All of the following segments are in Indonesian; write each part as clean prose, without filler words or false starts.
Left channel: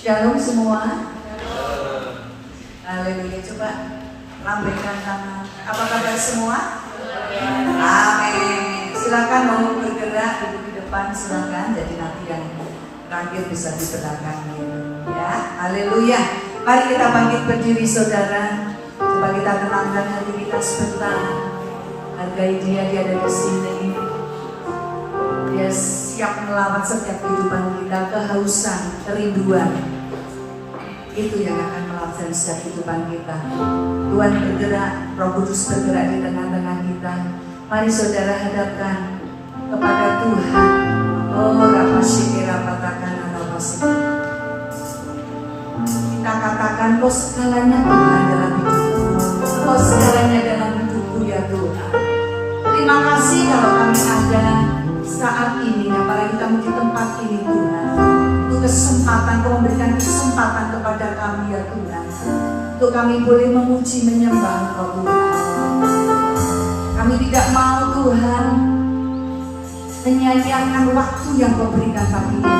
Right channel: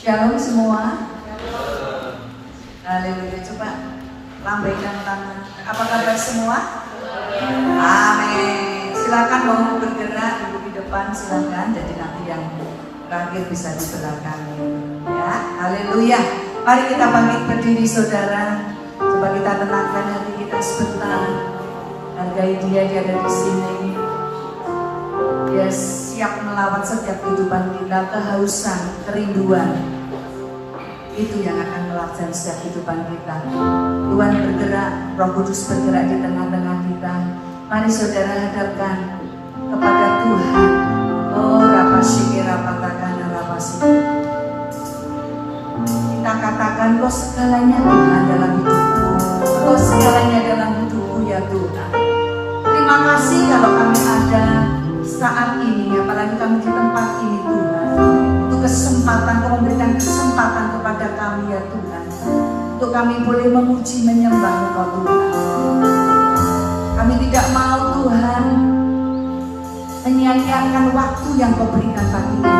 Shalom semua. Haleluya. Coba lambaikan tangan. Apa kabar semua? Amin. Silakan mau bergerak, duduk di depan silakan. Jadi nanti yang terakhir bisa di belakang ya. Haleluya. Mari kita bangkit berdiri saudara. Coba kita tenangkan hati kita sebentar. Hargai dia ada di sini. Dia siap melawat setiap kehidupan kita, kehausan, kerinduan. Itu yang akan melawat setiap kehidupan kita. Tuhan bergerak, Roh Kudus bergerak di tengah-tengah kita. Mari saudara hadapkan kepada Tuhan. Oh, rapasiki rapatakan rapasiki. Kita katakan kau segalanya Tuhan dalam hidupku. Kau segalanya dalam hidupku ya Tuhan. Terima kasih kalau kami ada saat ini, apalagi kami di tempat ini Tuhan. Itu kesempatan, kau memberikan kesempatan kepada kami ya Tuhan, untuk kami boleh memuji menyembah Engkau Tuhan. Kami tidak mau Tuhan menyia-nyiakan waktu yang kau berikan kami ini.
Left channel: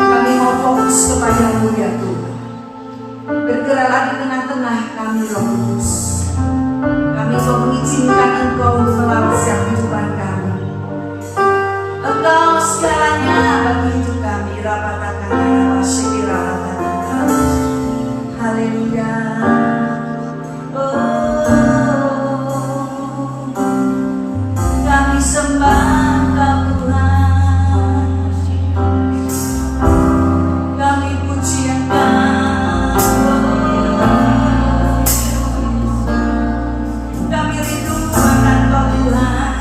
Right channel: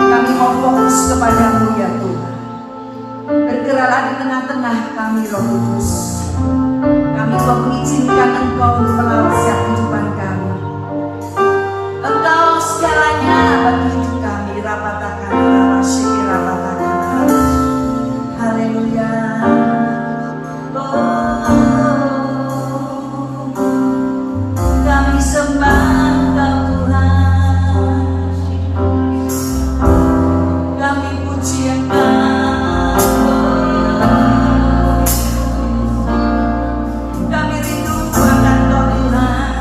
Kami mau fokus kepada-Mu ya Tuhan. Bergeraklah di tengah-tengah kami Roh Kudus. Kami mau mengizinkan Engkau untuk melawat kehidupan kami. Engkau segalanya bagi hidup kami. Rapatakan, rapasiki, rapatakan. Haleluya. Oh, kami sembah Engkau Tuhan. Kami puji Engkau. Kami rindu akan Engkau Tuhan.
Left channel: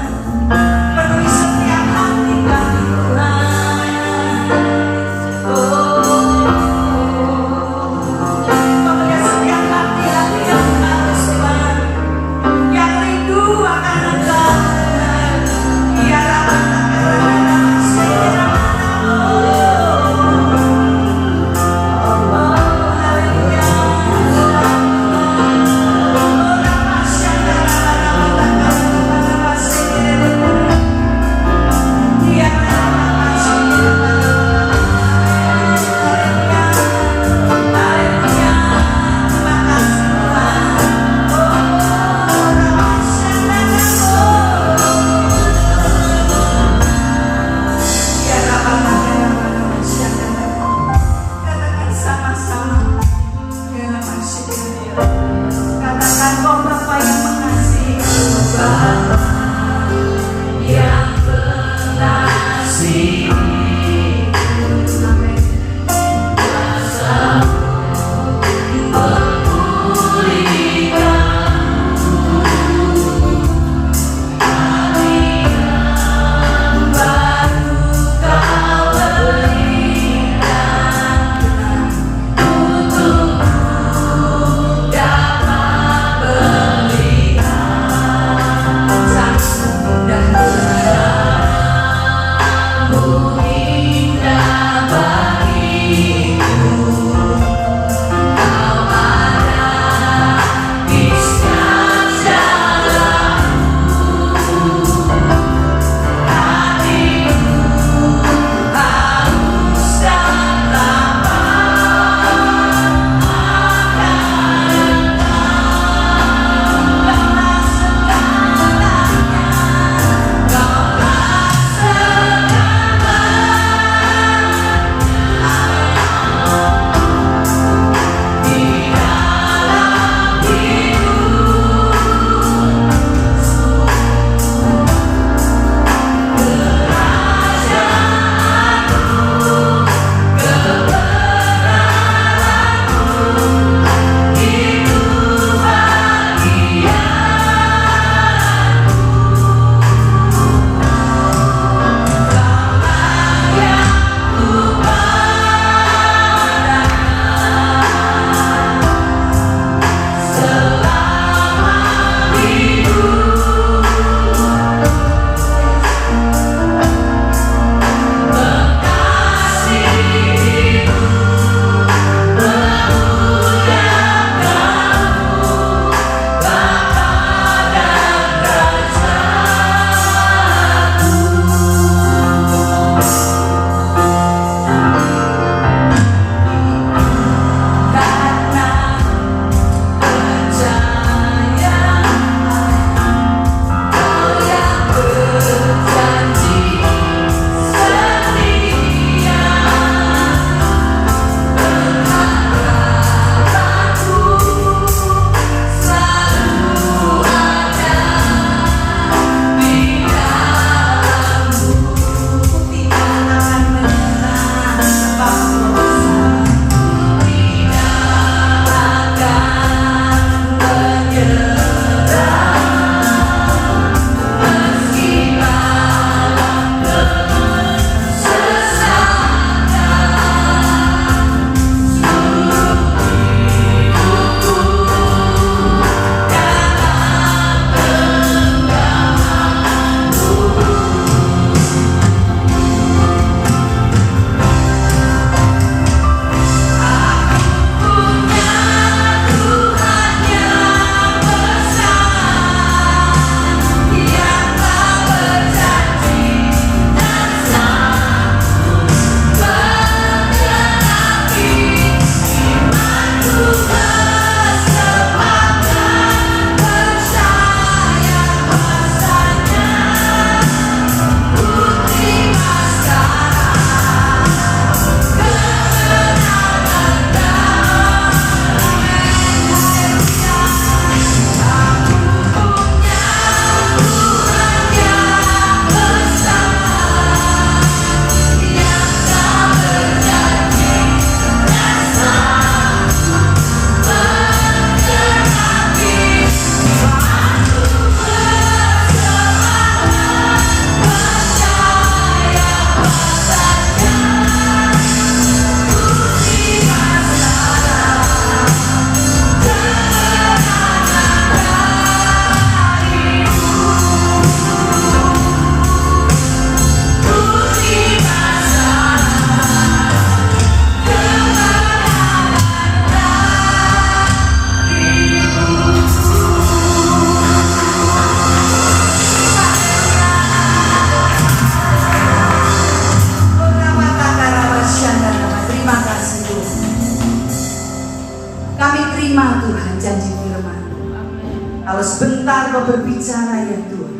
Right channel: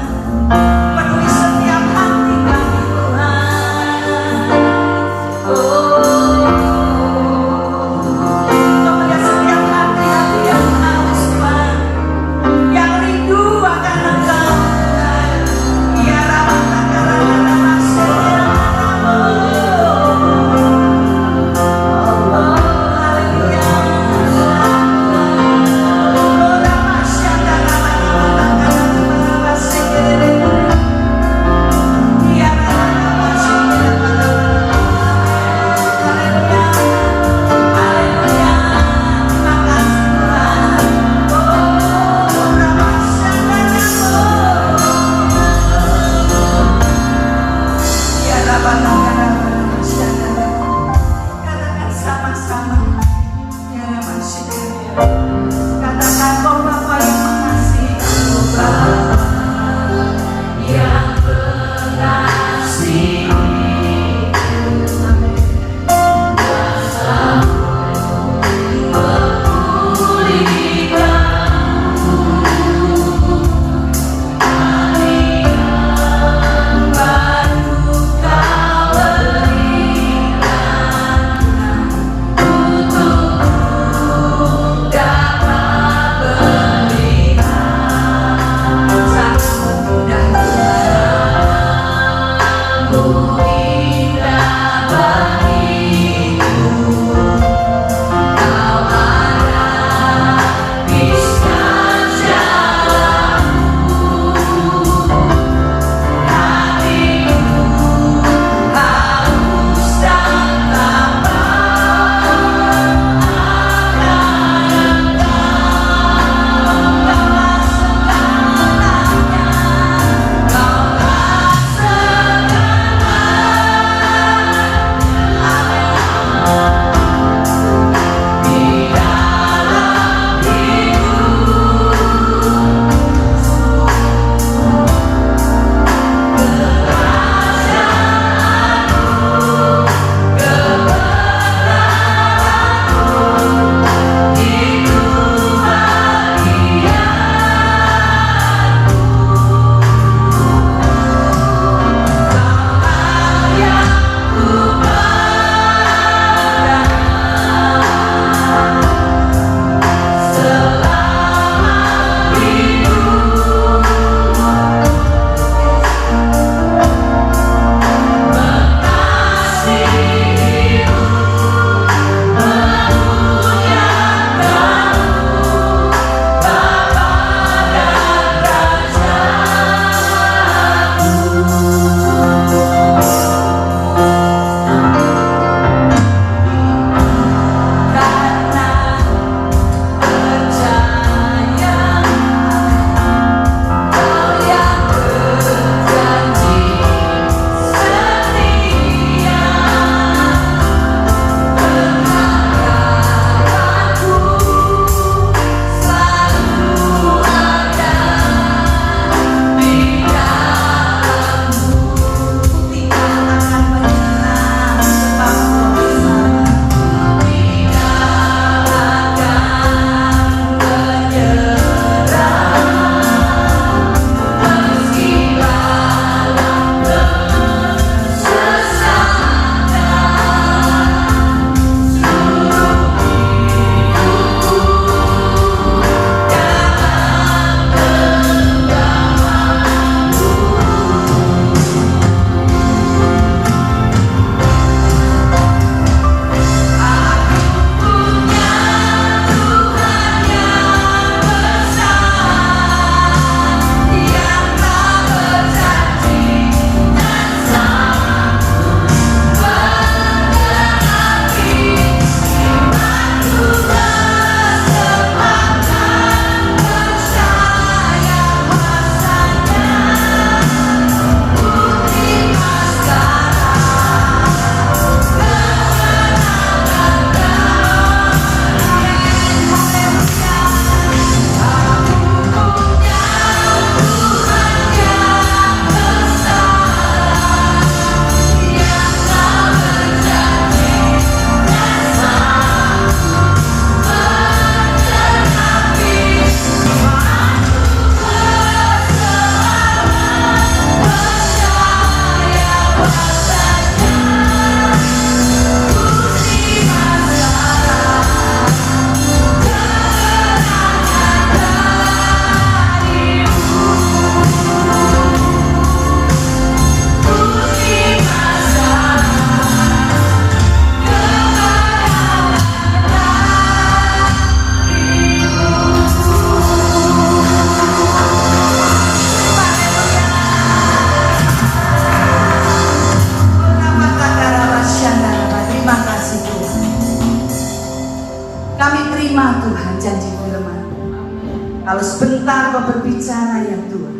Kalau sebentar kau berbicara ya Tuhan.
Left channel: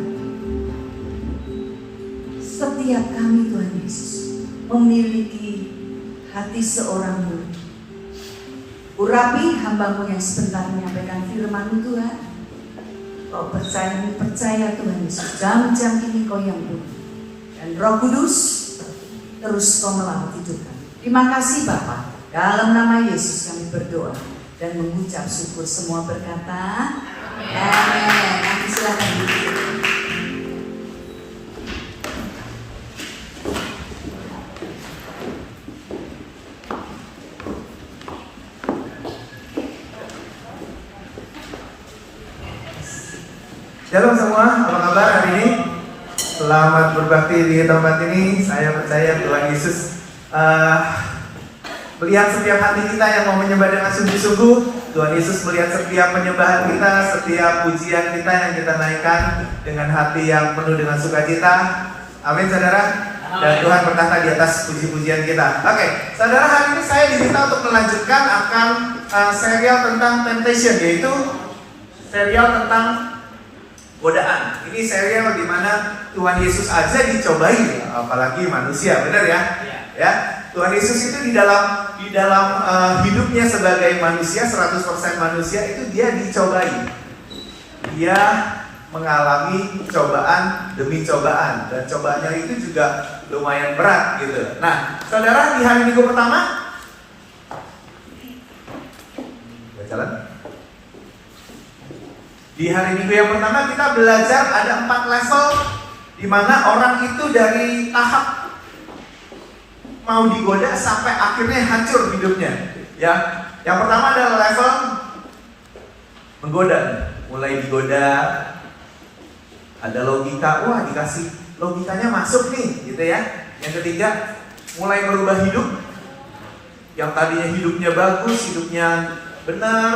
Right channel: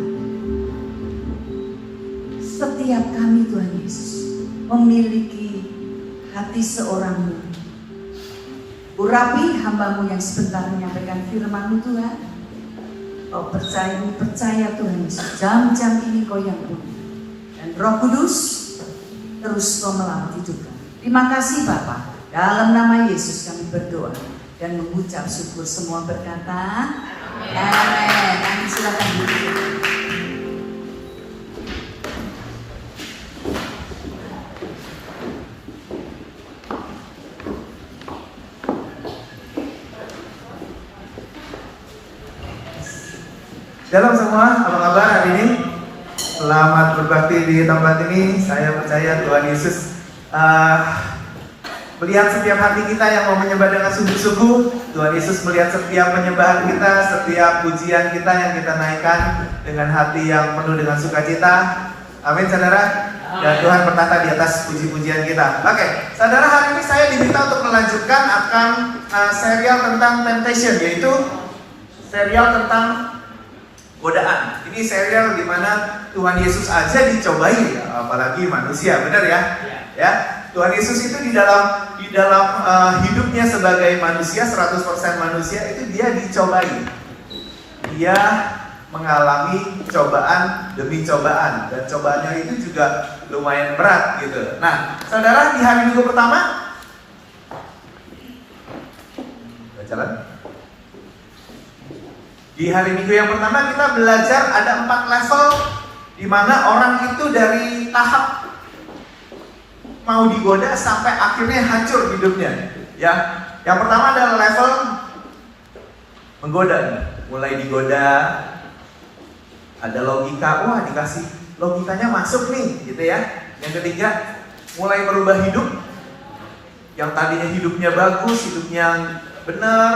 Setiap kami Tuhan Yesus memiliki hati seorang murid. Urapi hamba-Mu yang sebentar menyampaikan firman-Mu Tuhan. Kau percaya Tuhan Yesus, jam-jam ini Kau yang punya. Dan Roh Kudus terus Kau melalui hidup kami. Terima kasih Bapa. Dalam nama Yesus kami berdoa dan mengucap syukur. Semua berkata amin. Nanti silakan duduk. Shalom semua, apa kabar hari ini? Selamat berbakti di tempat ini. Saya percaya Tuhan Yesus melihat setiap hati kita yang mau menyembah dengan sungguh-sungguh. Tuhan Yesus melihat setiap penyembahan kita, setiap pujian kita yang kita naikkan dengan hati yang penuh dengan sukacita. Amin saudara. Dan Tuhan berkata di atas puji-pujian kita. Oke, saudara, hari ini saya diminta untuk melanjutkan akan serial tentang temptation, yaitu serial tentang godaan. Ini serial di mana Tuhan Yesus aja dicobai, apalagi manusia, benar ya? Ya, Tuhan Yesus itu di dalam hidupnya sebagai manusia, 100% manusia, itu dia dicobai. Dia mengalami cobaan demi cobaan, dan cobaannya itu juga lumayan berat gitu. Nah, saudara, di hari Minggu pertama jalan. Di hari Minggu yang pertama kita belajar ada 4 level di mana orang itu dari tahap mau digoda sampai akhirnya hancur hidupnya. Ya, yang pertama adalah level menggoda. Mulai digoda, ada logika, wah dikasih logikanya masuk nih, gitu ya. Yang ketiga, mulai merubah hidup. Yang tadinya hidupnya bagus, hidupnya benar,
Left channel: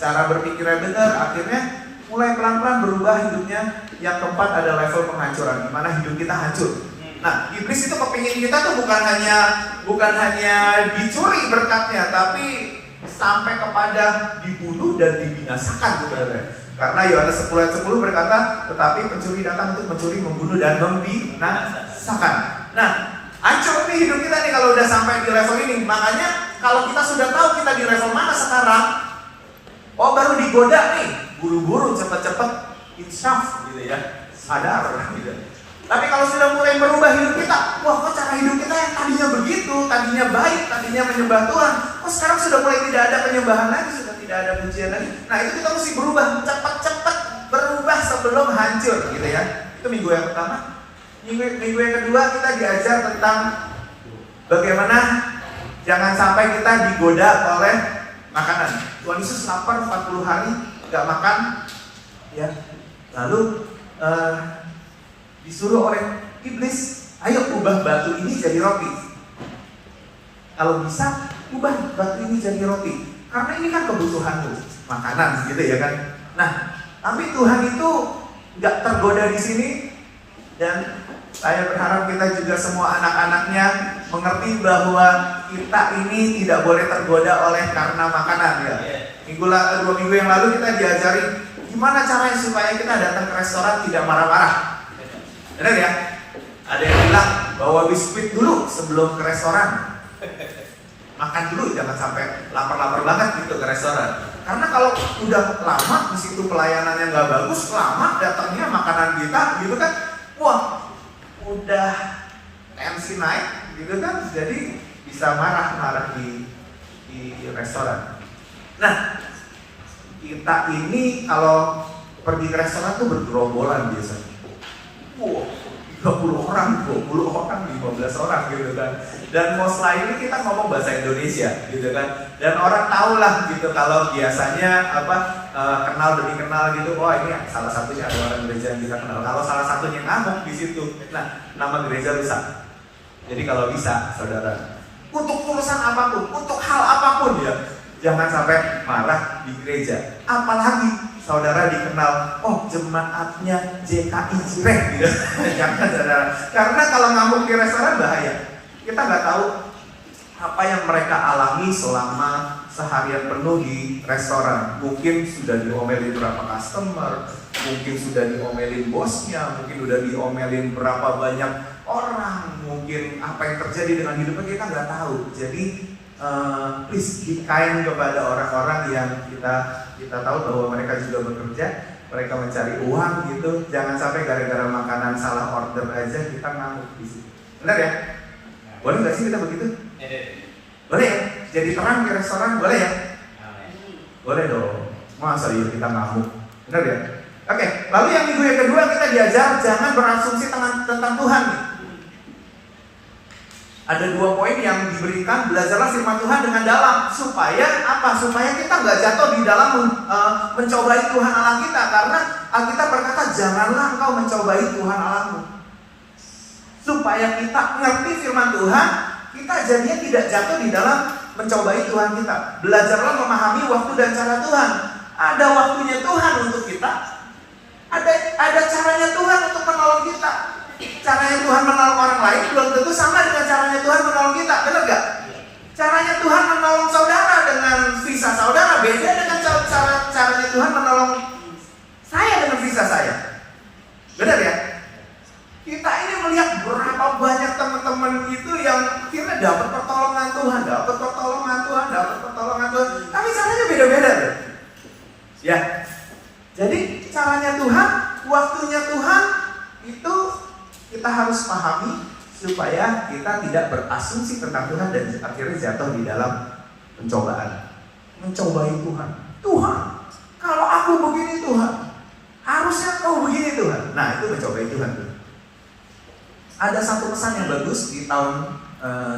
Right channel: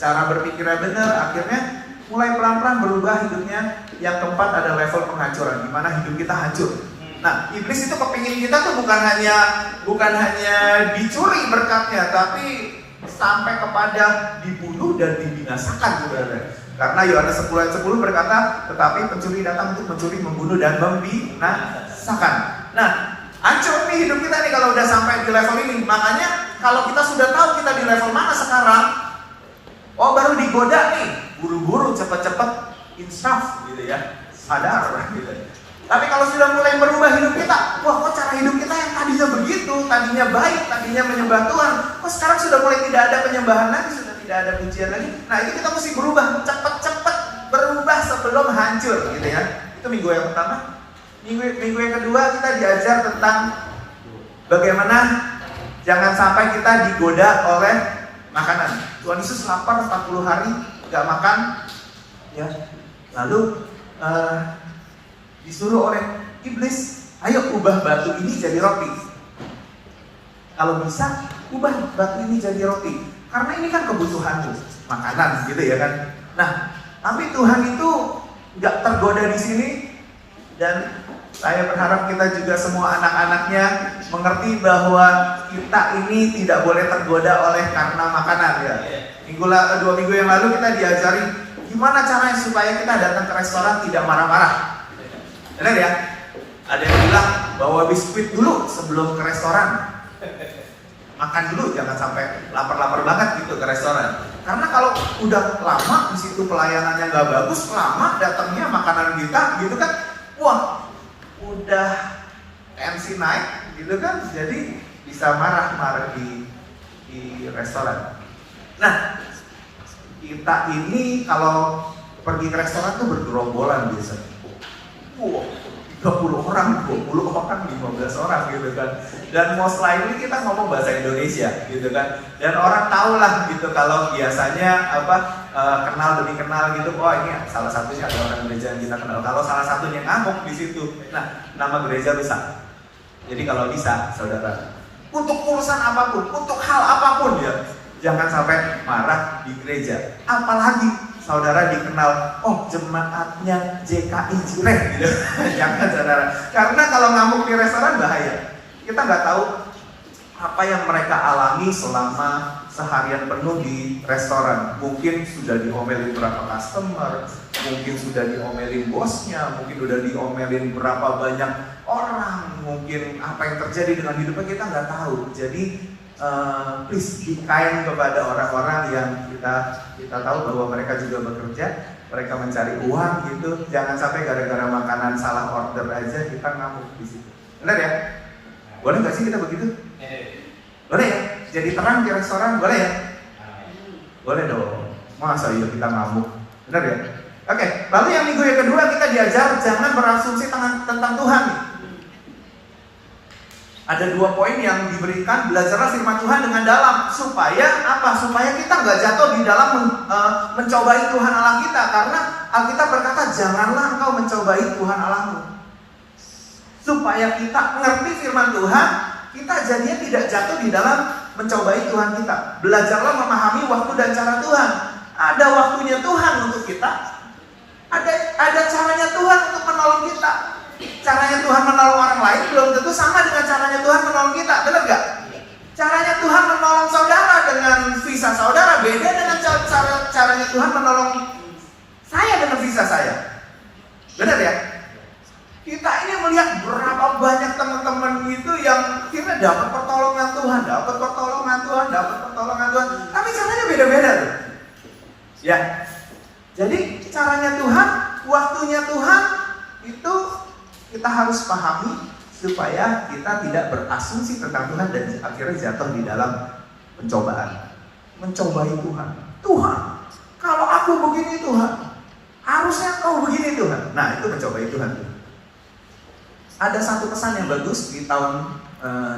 cara berpikirnya benar, akhirnya mulai pelan-pelan berubah hidupnya. Yang keempat ada level penghancuran, di mana hidup kita hancur. Nah, iblis itu kepingin kita tuh bukan hanya dicuri berkatnya, tapi sampai kepada dibunuh dan dibinasakan, saudara. Karena Yohanes 10:10 berkata, tetapi pencuri datang untuk mencuri, membunuh dan membinasakan. Nah, hancur nih hidup kita nih kalau udah sampai di level ini. Makanya kalau kita sudah tahu kita di level mana sekarang, oh baru digoda nih, buru-buru, cepet-cepet, insaf gitu ya, sadar gitu. Tapi kalau sudah mulai merubah hidup kita, wah kok cara hidup kita yang tadinya begitu, tadinya baik, tadinya menyembah Tuhan, kok sekarang sudah mulai tidak ada penyembahan lagi, sudah tidak ada pujian lagi. Nah itu kita mesti berubah, cepet-cepet berubah sebelum hancur gitu ya. Itu minggu yang pertama. Minggu yang kedua kita diajar tentang bagaimana jangan sampai kita digoda oleh makanan. Tuhan Yesus lapar 40 hari gak makan, ya. Lalu disuruh oleh iblis, ayo ubah batu ini jadi roti. Kalau bisa, ubah batu ini jadi roti. Karena ini kan kebutuhanmu, makanan gitu ya kan. Nah, tapi Tuhan itu gak tergoda di sini. Dan saya berharap kita juga semua anak-anaknya mengerti bahwa kita ini tidak boleh tergoda oleh karena makanan ya. 2 minggu yang lalu kita diajari gimana caranya supaya kita datang ke restoran tidak marah-marah. Benar ya? Ada yang bilang bawa biskuit dulu sebelum ke restoran. Makan dulu, jangan sampai lapar-lapar banget gitu ke restoran. Karena kalau udah lama di situ pelayanannya nggak bagus, lama datangnya makanan kita gitu kan, wah udah tensi naik gitu kan, jadi bisa marah-marah di restoran. Nah, kita ini kalau pergi ke restoran tuh bergerombolan biasanya. Wow, 30 orang, 20 orang, 15 orang gitu kan. Dan most likely kita ngomong bahasa Indonesia gitu kan. Dan orang tahu lah gitu kalau biasanya kenal demi kenal gitu. Oh ini salah satunya ada orang gereja yang bilang kenal. Kalau salah satunya ngamuk di situ, nah nama gereja rusak. Jadi kalau bisa, saudara, untuk urusan apapun, untuk hal apapun ya, jangan sampai marah di gereja. Apalagi saudara dikenal, oh jemaatnya JKI Jireh gitu. Jangan saudara. Karena kalau ngamuk di restoran bahaya. Kita nggak tahu apa yang mereka alami selama seharian penuh di restoran, mungkin sudah diomelin berapa customer, mungkin sudah diomelin bosnya, mungkin sudah diomelin berapa banyak orang, mungkin apa yang terjadi dengan hidupnya kita nggak tahu. Jadi please be kind kepada orang-orang yang kita tahu bahwa mereka juga bekerja, mereka mencari uang gitu. Jangan sampai gara-gara makanan salah order aja kita ngamuk di situ. Benar ya? Boleh nggak sih kita begitu? Boleh ya? Jadi terang di restoran boleh ya? Boleh dong. Masa iya kita ngamuk? Benar ya? Oke. Lalu yang minggu yang kedua kita diajar jangan berasumsi tentang Tuhan. Ada 2 poin yang diberikan, belajarlah firman Tuhan dengan dalam. Supaya apa? Supaya kita nggak jatuh di dalam mencobai Tuhan Allah kita. Karena Alkitab berkata, janganlah engkau mencobai Tuhan Allahmu. Supaya kita ngerti firman Tuhan, kita jadinya tidak jatuh di dalam mencobai Tuhan kita. Belajarlah memahami waktu dan cara Tuhan. Ada waktunya Tuhan untuk kita. Ada caranya Tuhan untuk menolong kita. Caranya Tuhan menolong orang lain belum tentu sama dengan caranya Tuhan menolong kita, benar gak? Caranya Tuhan menolong saudara dengan visa saudara beda dengan caranya Tuhan menolong saya dengan visa saya. Benar ya? Kita ini melihat berapa banyak teman-teman itu yang kira dapat pertolongan Tuhan, tapi caranya beda-beda loh. Ya. Jadi caranya Tuhan, waktunya Tuhan itu kita harus pahami supaya kita tidak berasumsi tentang Tuhan dan akhirnya jatuh di dalam pencobaan. Mencobai Tuhan. Tuhan, kalau aku begini Tuhan, harusnya kau begini Tuhan. Nah, itu mencobai Tuhan. Ada satu pesan yang bagus di tahun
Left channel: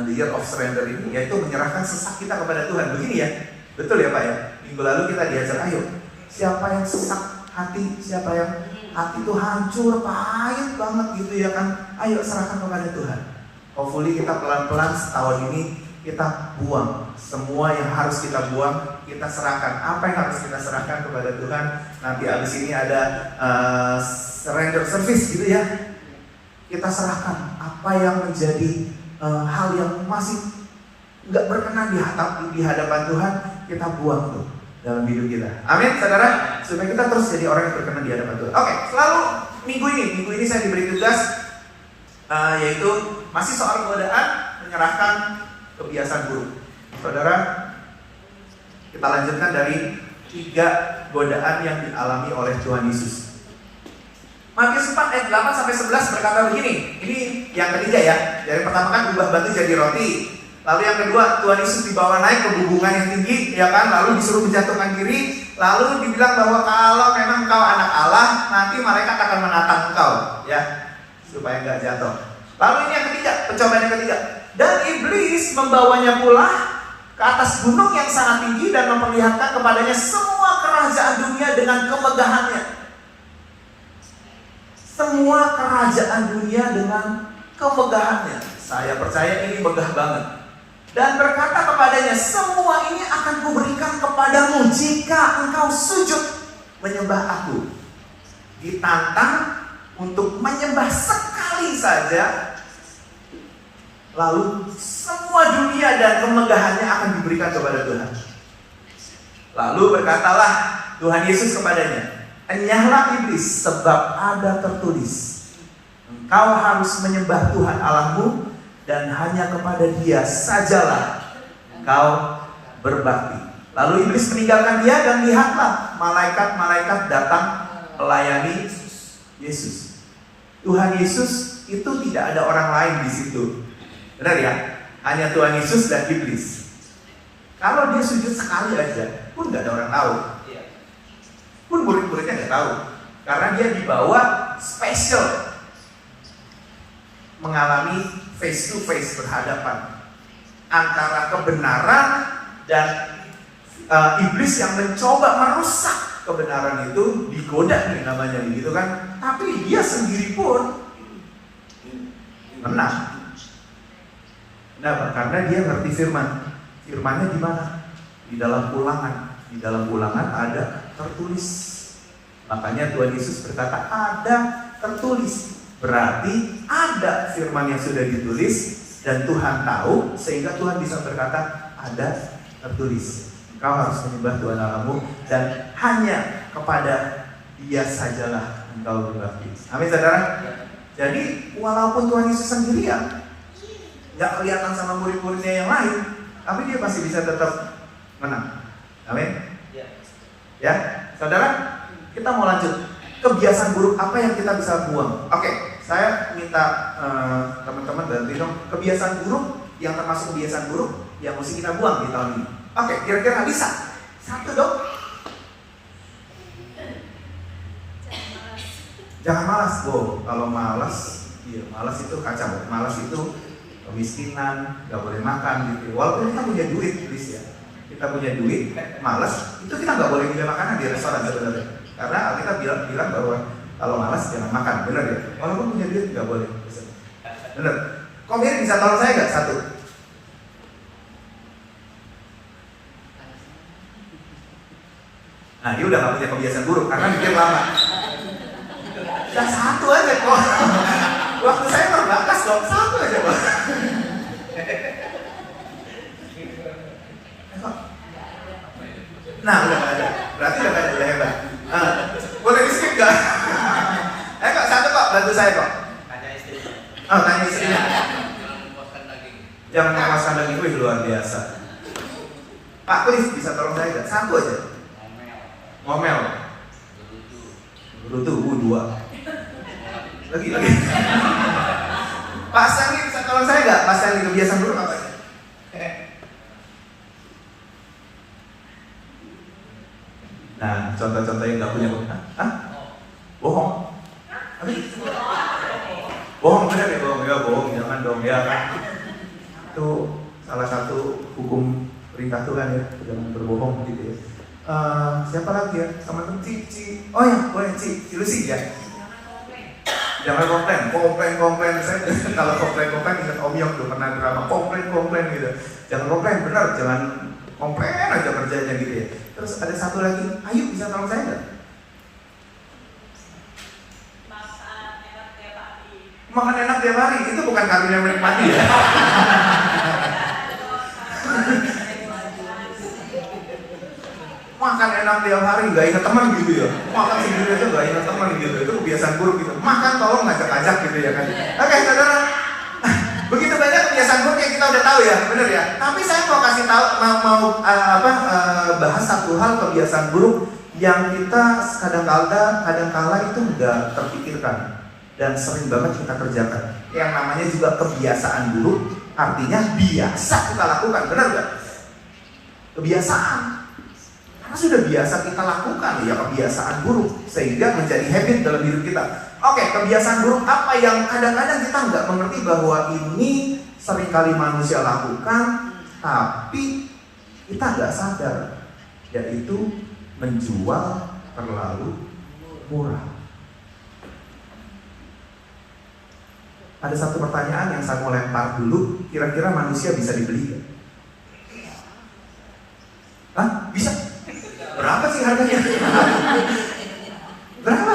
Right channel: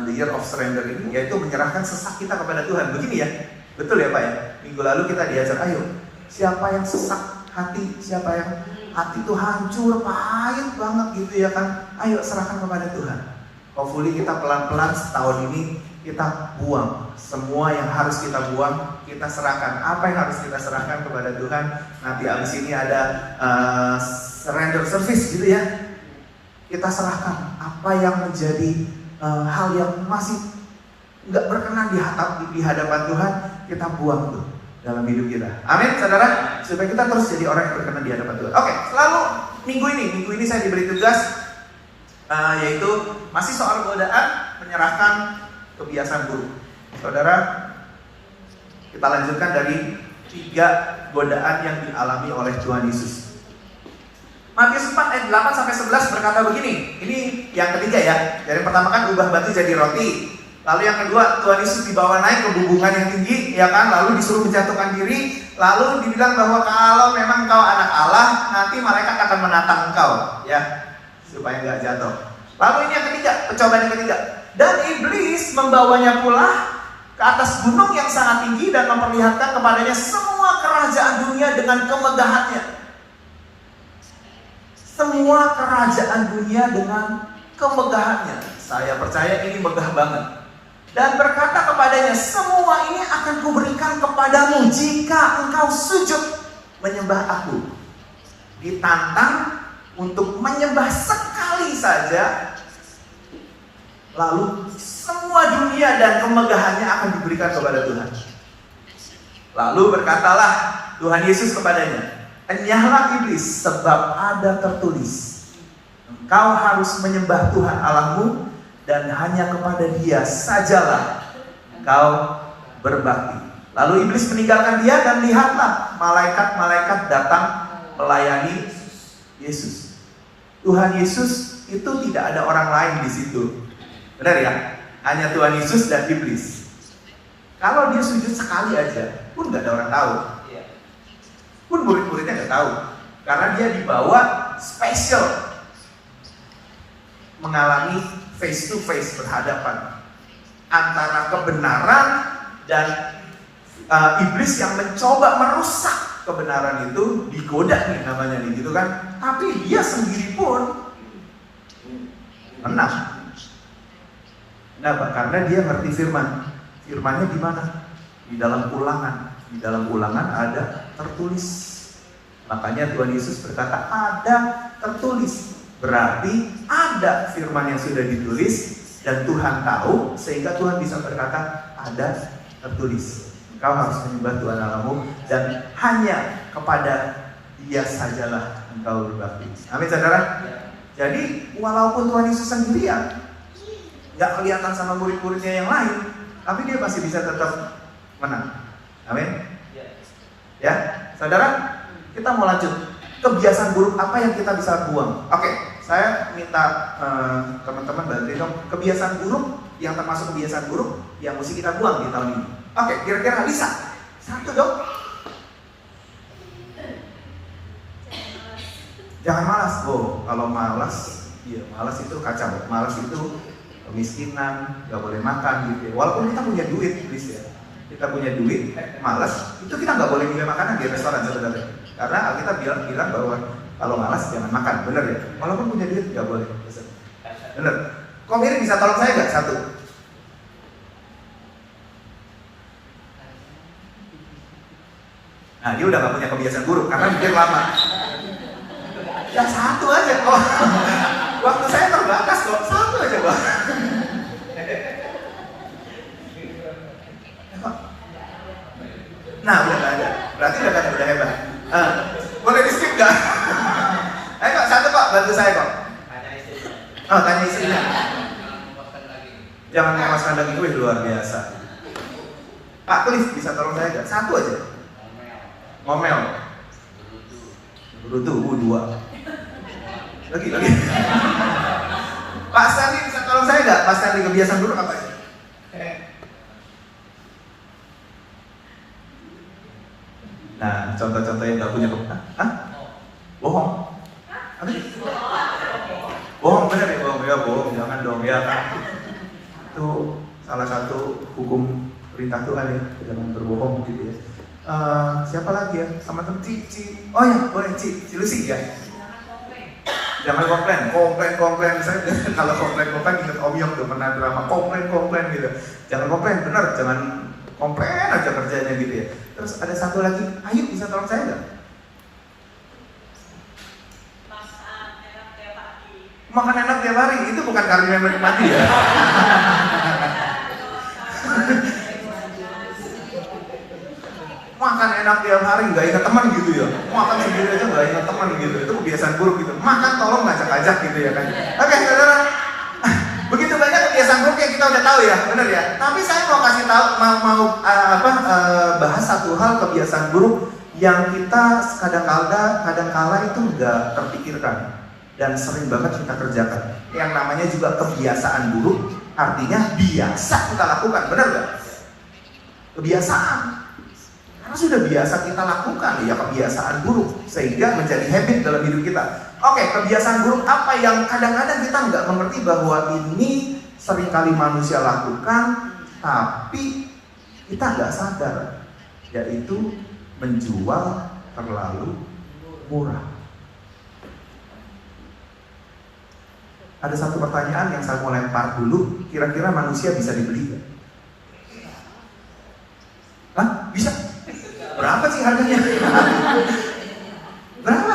The Year of Surrender ini, yaitu menyerahkan sesak kita kepada Tuhan. Begini ya, betul ya Pak ya? Minggu lalu kita diajar, ayo, siapa yang sesak hati, siapa yang hati itu hancur, pahit banget gitu ya kan, ayo serahkan kepada Tuhan. Hopefully kita pelan-pelan setahun ini kita buang semua yang harus kita buang, kita serahkan. Apa yang harus kita serahkan kepada Tuhan. Nanti abis ini ada surrender service gitu ya. Kita serahkan apa yang menjadi hal yang masih nggak berkenan di hadapan Tuhan, kita buang tuh dalam hidup kita. Amin, saudara. Supaya kita terus jadi orang yang berkenan di hadapan Tuhan. Oke, selalu minggu ini saya diberi tugas yaitu masih soal godaan, menyerahkan kebiasaan buruk. Saudara, kita lanjutkan dari 3 godaan yang dialami oleh Tuhan Yesus. Matius 4 ayat 8 sampai 11 berkata begini. Ini yang ketiga ya. Dari pertama kan ubah batu jadi roti. Lalu yang kedua, Tuhan Yesus dibawa naik ke hubungan yang tinggi, ya kan? Lalu disuruh menjatuhkan diri. Lalu dibilang bahwa kalau memang engkau anak Allah, nanti malaikat akan menatang engkau, ya, supaya nggak jatuh. Lalu ini yang ketiga, pencobaan yang ketiga. Dan iblis membawanya pula ke atas gunung yang sangat tinggi dan memperlihatkan kepadanya semua kerajaan dunia dengan kemegahannya. Semua kerajaan dunia dengan kemegahannya. Saya percaya ini megah banget. Dan berkata kepadanya, semua ini akan kuberikan kepadamu jika engkau sujud menyembah aku. Ditantang untuk menyembah sekali saja, lalu semua dunia dan kemegahannya akan diberikan kepada Tuhan. Lalu berkatalah Tuhan Yesus kepadanya, enyahlah iblis, sebab ada tertulis, engkau harus menyembah Tuhan Allahmu dan hanya kepada Dia sajalah engkau berbakti. Lalu iblis meninggalkan dia dan lihatlah malaikat-malaikat datang melayani Yesus. Tuhan Yesus itu tidak ada orang lain di situ. Benar ya? Hanya Tuhan Yesus dan iblis. Kalau dia sujud sekali aja pun nggak ada orang tahu. Pun murid-muridnya nggak tahu. Karena dia dibawa spesial mengalami face to face berhadapan antara kebenaran dan iblis yang mencoba merusak kebenaran itu, digoda nih namanya gitu kan. Tapi dia sendiri pun menang. Kenapa? Karena dia ngerti firman. Firmannya di mana? Di dalam Ulangan. Di dalam Ulangan ada tertulis. Makanya Tuhan Yesus berkata ada tertulis. Berarti ada firman yang sudah ditulis dan Tuhan tahu, sehingga Tuhan bisa berkata ada tertulis. Engkau harus menyembah Tuhan Allahmu dan hanya kepada Dia sajalah engkau berbakti. Amin saudara. Jadi walaupun Tuhan Yesus sendirian, nggak kelihatan sama murid-muridnya yang lain, tapi Dia masih bisa tetap menang. Amin. Ya, saudara, kita mau lanjut. Kebiasaan buruk apa yang kita bisa buang? Oke, saya minta teman-teman bantu dong. Kebiasaan buruk yang termasuk kebiasaan buruk yang mesti kita buang di tahun ini. Oke, kira-kira bisa? Satu dong. Jangan malas, kalau malas, iya malas itu kacau. Malas itu kemiskinan, nggak boleh makan gitu. Walaupun kita punya duit, please ya. Kita punya duit, malas, itu kita nggak boleh punya makanan di restoran sebenarnya. Karena kita bilang bahwa kalau malas jangan makan, bener ya? Walaupun punya duit nggak boleh, bener. Kok Miri bisa tolong saya nggak? Satu. Nah, dia udah nggak punya kebiasaan buruk karena dia lama. Ya satu aja kok. Waktu saya terbatas kok, satu aja Pak. Nah, udah ada. Berarti udah hebat. Boleh di skip nggak? Kok satu kok, bantu saya kok. Tanya istrinya. Oh, tanya istrinya. Jangan memuaskan daging gue, luar biasa. Pak Cliff bisa tolong saya nggak? Satu aja. Ngomel. Berutu, dua. Lagi. Pak Stanley bisa tolong saya nggak? Pak Stanley kebiasaan buruk apa? Nah, contoh-contoh yang nggak punya. Hah? Bohong. Bohong bener ya, bohong ya, bohong jangan dong ya Pak. Itu salah satu hukum perintah Tuhan ya, jangan berbohong gitu ya. Siapa lagi ya? Sama temen Ci. Oh ya, boleh Ci Lucy ya. Jangan komplain. Saya kalau komplain ingat Om Yong udah pernah drama komplain gitu. Jangan komplain, benar, jangan komplain aja kerjanya gitu ya. Terus ada satu lagi, Ayu bisa tolong saya nggak? Makan enak tiap hari, itu bukan karunia menikmati ya. Makan enak tiap hari, nggak ingat teman gitu ya. Makan sendiri itu nggak ingat teman gitu, itu kebiasaan buruk gitu. Makan tolong ngajak-ngajak gitu ya kan. Oke, saudara. Begitu banyak kebiasaan buruk yang kita udah tahu ya, bener ya. Tapi saya mau kasih tahu, bahas satu hal kebiasaan buruk yang kita kadang-kala itu nggak terpikirkan dan sering banget kita kerjakan. Yang namanya juga kebiasaan buruk, artinya biasa kita lakukan, bener nggak? Kebiasaan. Karena sudah biasa kita lakukan ya kebiasaan buruk sehingga menjadi habit dalam hidup kita. Oke, kebiasaan buruk apa yang kadang-kadang kita nggak mengerti bahwa ini seringkali manusia lakukan, tapi kita nggak sadar, yaitu menjual terlalu murah. Ada satu pertanyaan yang saya mau lempar dulu, kira-kira manusia bisa dibeli nggak? Hah? Bisa? Berapa sih harganya? Berapa?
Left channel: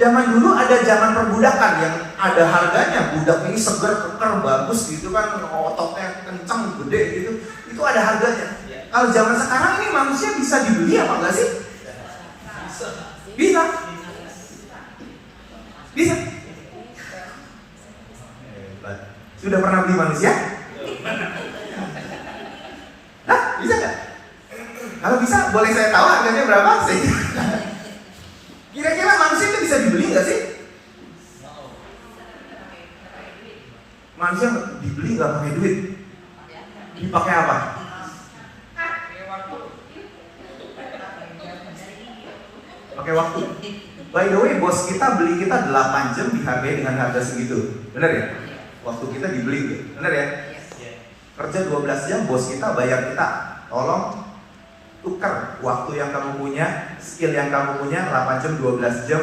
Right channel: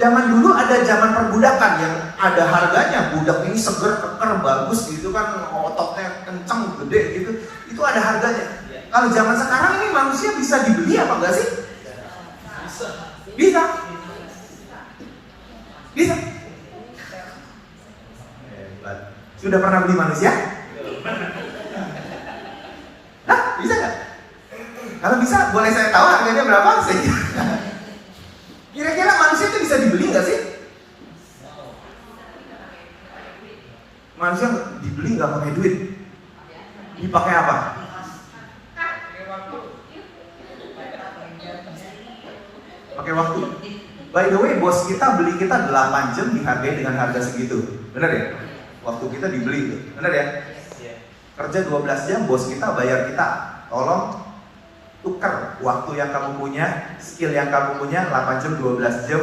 Zaman dulu ada zaman perbudakan yang ada harganya. Budak ini segar, keker, bagus gitu kan, ototnya kencang, gede gitu. Itu ada harganya. Kalau zaman sekarang ini manusia bisa dibeli apa enggak sih? Bisa. Bisa. Sudah pernah beli manusia? Hah? Bisa nggak? Kalau bisa, boleh saya tahu harganya berapa sih? Kira-kira manusia itu bisa dibeli nggak sih? Manusia dibeli nggak pakai duit? Dipakai apa? Pakai waktu. By the way, bos kita beli kita 8 jam dihargai dengan harga segitu. Benar ya? Waktu kita dibeli, benar ya? Kerja 12 jam, bos kita bayar kita. Tolong tukar waktu yang kamu punya, skill yang kamu punya, 8 jam, 12 jam,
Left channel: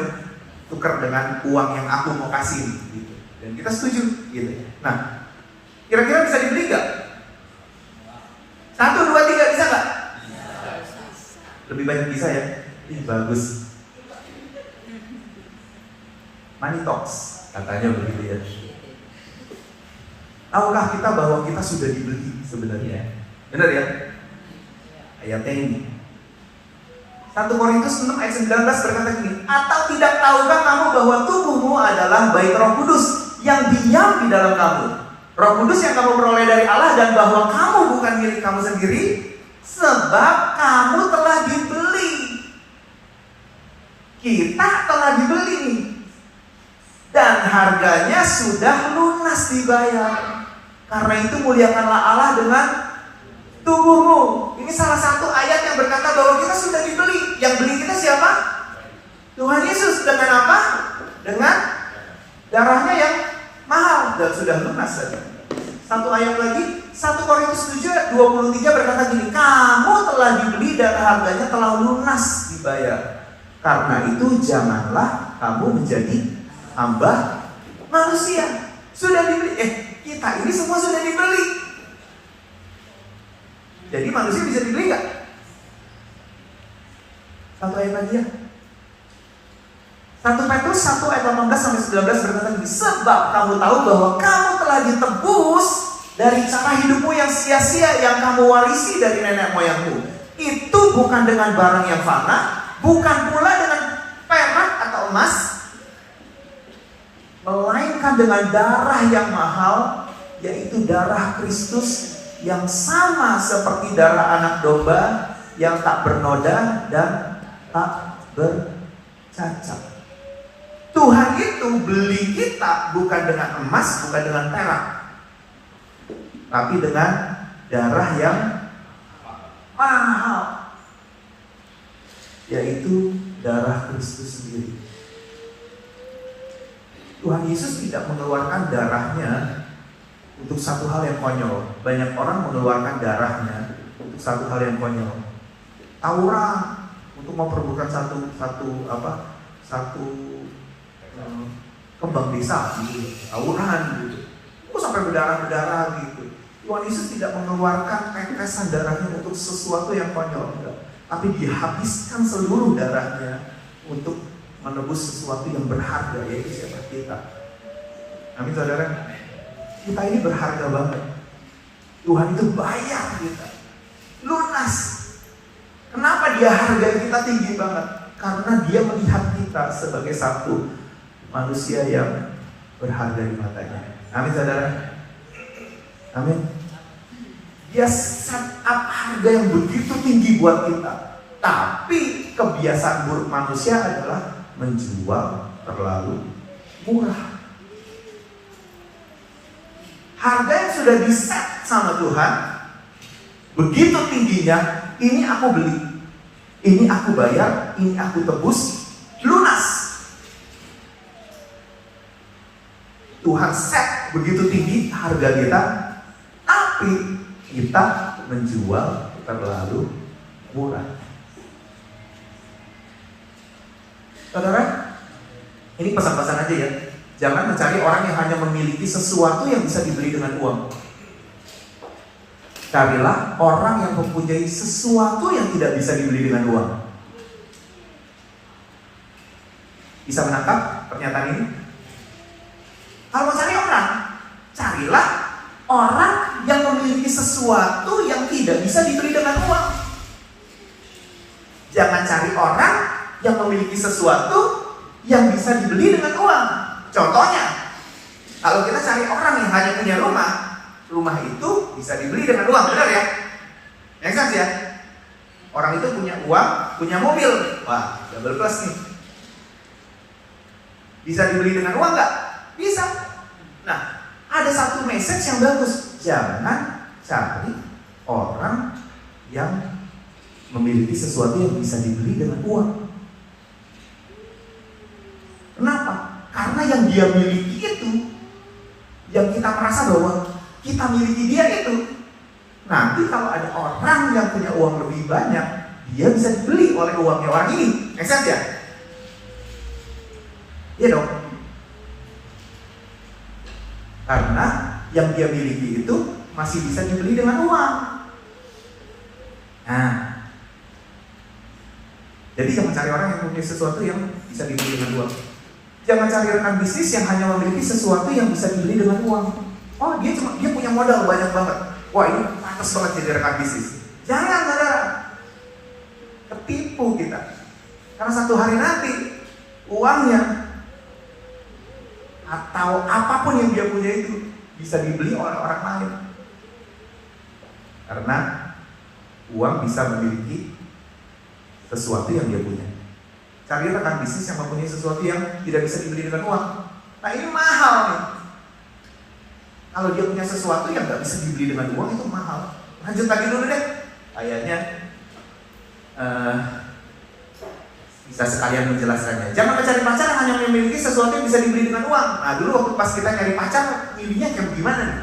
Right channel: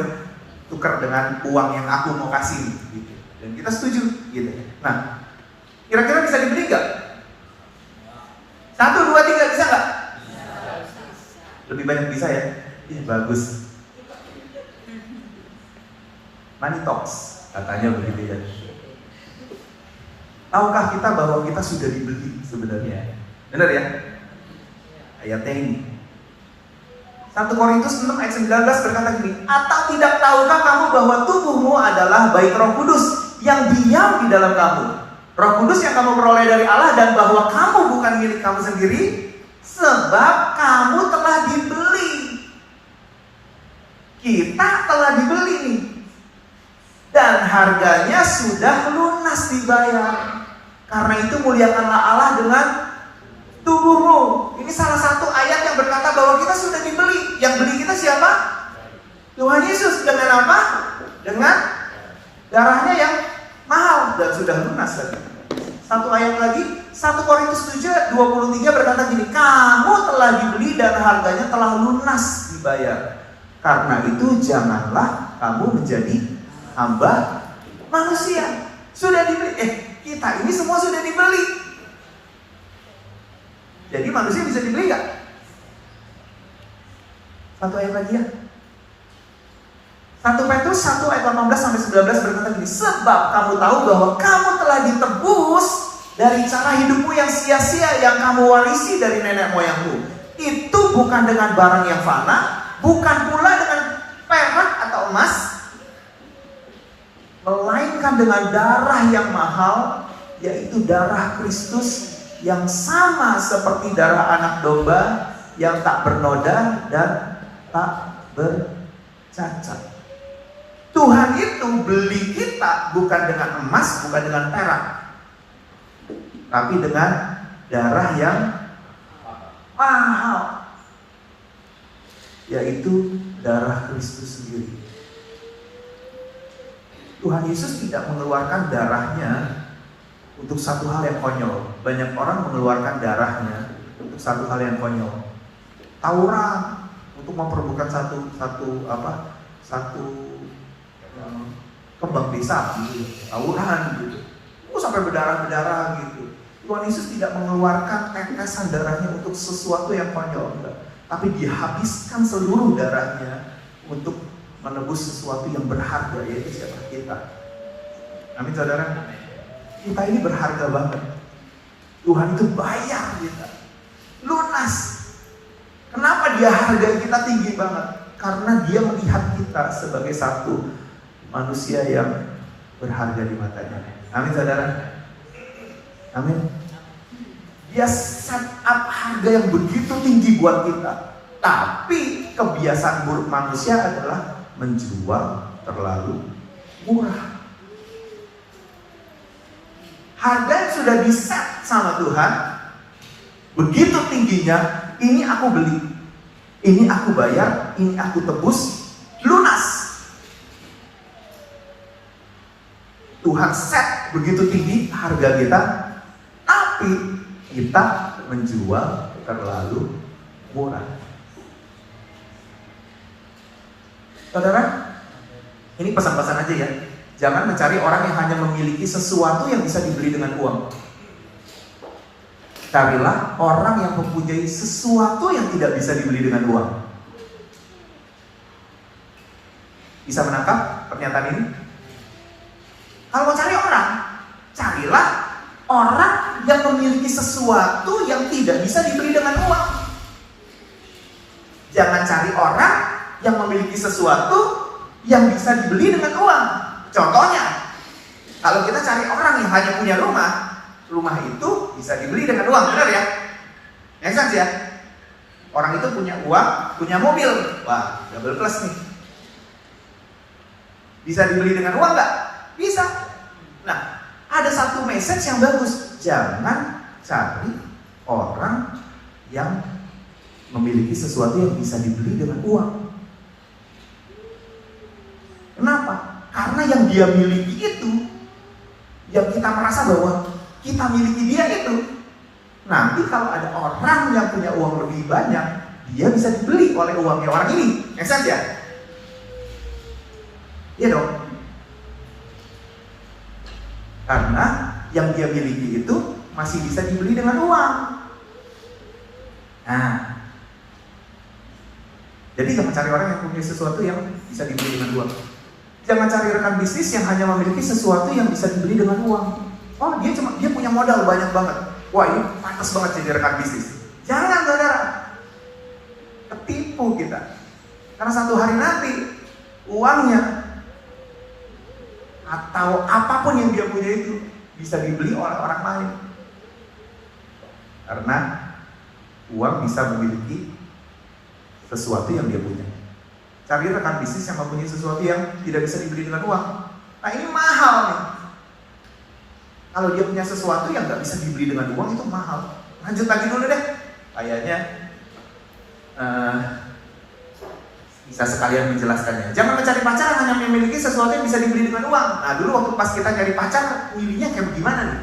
tukar dengan uang yang aku mau kasih gitu. Dan kita setuju gitu. Nah, kira-kira bisa dibeli nggak? 1, 2, 3 bisa nggak? Lebih banyak bisa ya? Iya, bagus. Money talks, katanya begitu ya. Tahukah kita bahwa kita sudah dibeli sebenarnya? Benar ya? Ayatnya ini 1 Korintus 6 ayat 19 berkata gini, atau tidak tahukah kamu bahwa tubuhmu adalah bait Roh Kudus yang diam di dalam kamu, Roh Kudus yang kamu peroleh dari Allah, dan bahwa kamu bukan milik kamu sendiri, sebab kamu telah dibeli. Kita telah dibeli nih, dan harganya sudah lunas dibayar. Karena itu muliakanlah Allah dengan tubuhmu. Ini salah satu ayat yang berkata bahwa kita sudah dibeli. Yang beli kita siapa? Tuhan Yesus. Dengan apa? Dengan darahnya yang mahal dan sudah lunas tadi. Satu ayat lagi, 1 Korintus 7 23 berkata gini, kamu telah dibeli dan harganya telah lunas dibayar. Karena itu janganlah kamu menjadi hamba manusia. Sudah dibeli. Kita ini semua sudah dibeli. Jadi manusia bisa dibeli gak? Satu ayat lagi ya. 1 Petrus 1 ayat 18 sampai 19 berkata gini, sebab kamu tahu bahwa kamu telah ditebus dari cara hidupmu yang sia-sia yang kamu warisi dari nenek moyangmu. Itu bukan dengan barang yang fana, bukan pula dengan perak atau emas, melainkan dengan darah yang mahal, yaitu darah Kristus yang sama seperti darah anak domba yang tak bernoda dan tak bercacat. Tuhan itu beli kita bukan dengan emas, bukan dengan perak, tapi dengan darah yang mahal, yaitu darah Kristus sendiri. Tuhan Yesus tidak mengeluarkan darahnya untuk satu hal yang konyol. Banyak orang mengeluarkan darahnya untuk satu hal yang konyol. Tawuran untuk memperebutkan satu kembang desa gitu. Tawuran gitu. Sampai berdarah-berdarah gitu. Tuhan Yesus tidak mengeluarkan tetesan darahnya untuk sesuatu yang konyol, tapi dihabiskan seluruh darahnya untuk menebus sesuatu yang berharga, yaitu siapa? Kita. Amin saudara. Kita ini berharga banget. Tuhan itu bayar kita lunas. Kenapa dia harga kita tinggi banget? Karena dia melihat kita sebagai satu manusia yang berharga di matanya. Amin saudara. Amin. Dia set up harga yang begitu tinggi buat kita. Tapi kebiasaan buruk manusia adalah menjual terlalu murah. Harga yang sudah di-set sama Tuhan begitu tingginya, ini aku beli, ini aku bayar, ini aku tebus, lunas. Tuhan set begitu tinggi harga kita, tapi kita menjual terlalu murah. Saudara, ini pesan-pesan aja ya. Jangan mencari orang yang hanya memiliki sesuatu yang bisa dibeli dengan uang. Carilah orang yang mempunyai sesuatu yang tidak bisa dibeli dengan uang. Bisa menangkap pernyataan ini? Kalau mau cari orang, carilah orang yang memiliki sesuatu yang tidak bisa dibeli dengan uang. Jangan cari orang yang memiliki sesuatu yang bisa dibeli dengan uang. Contohnya, kalau kita cari orang yang hanya punya rumah, rumah itu bisa dibeli dengan uang, benar ya? Make sense ya? Orang itu punya uang, punya mobil, wah, double plus nih. Bisa dibeli dengan uang nggak? Bisa. Nah, ada satu message yang bagus. Jangan cari orang yang memiliki sesuatu yang bisa dibeli dengan uang. Kenapa? Karena yang dia miliki itu, yang kita merasa bahwa kita miliki dia itu, nanti kalau ada orang yang punya uang lebih banyak, dia bisa dibeli oleh uangnya orang ini. Make sense ya? Iya dong. Karena yang dia miliki itu masih bisa dibeli dengan uang. Nah, jadi jangan cari orang yang punya sesuatu yang bisa dibeli dengan uang. Jangan cari rekan bisnis yang hanya memiliki sesuatu yang bisa dibeli dengan uang. Oh, dia punya modal banyak banget. Wah, ini pantas banget jadi rekan bisnis. Jangan saudara, ketipu kita. Karena satu hari nanti uangnya atau apapun yang dia punya itu bisa dibeli oleh orang lain. Karena uang bisa memiliki sesuatu yang dia punya. Cari rekan bisnis yang mempunyai sesuatu yang tidak bisa dibeli dengan uang. Nah ini mahal nih. Kalau dia punya sesuatu yang nggak bisa dibeli dengan uang itu mahal. Lanjut lagi dulu deh. Kayaknya bisa sekalian menjelaskannya. Jangan mencari pacar yang hanya memiliki sesuatu yang bisa dibeli dengan uang. Nah dulu waktu pas kita cari pacar, milihnya kayak gimana nih?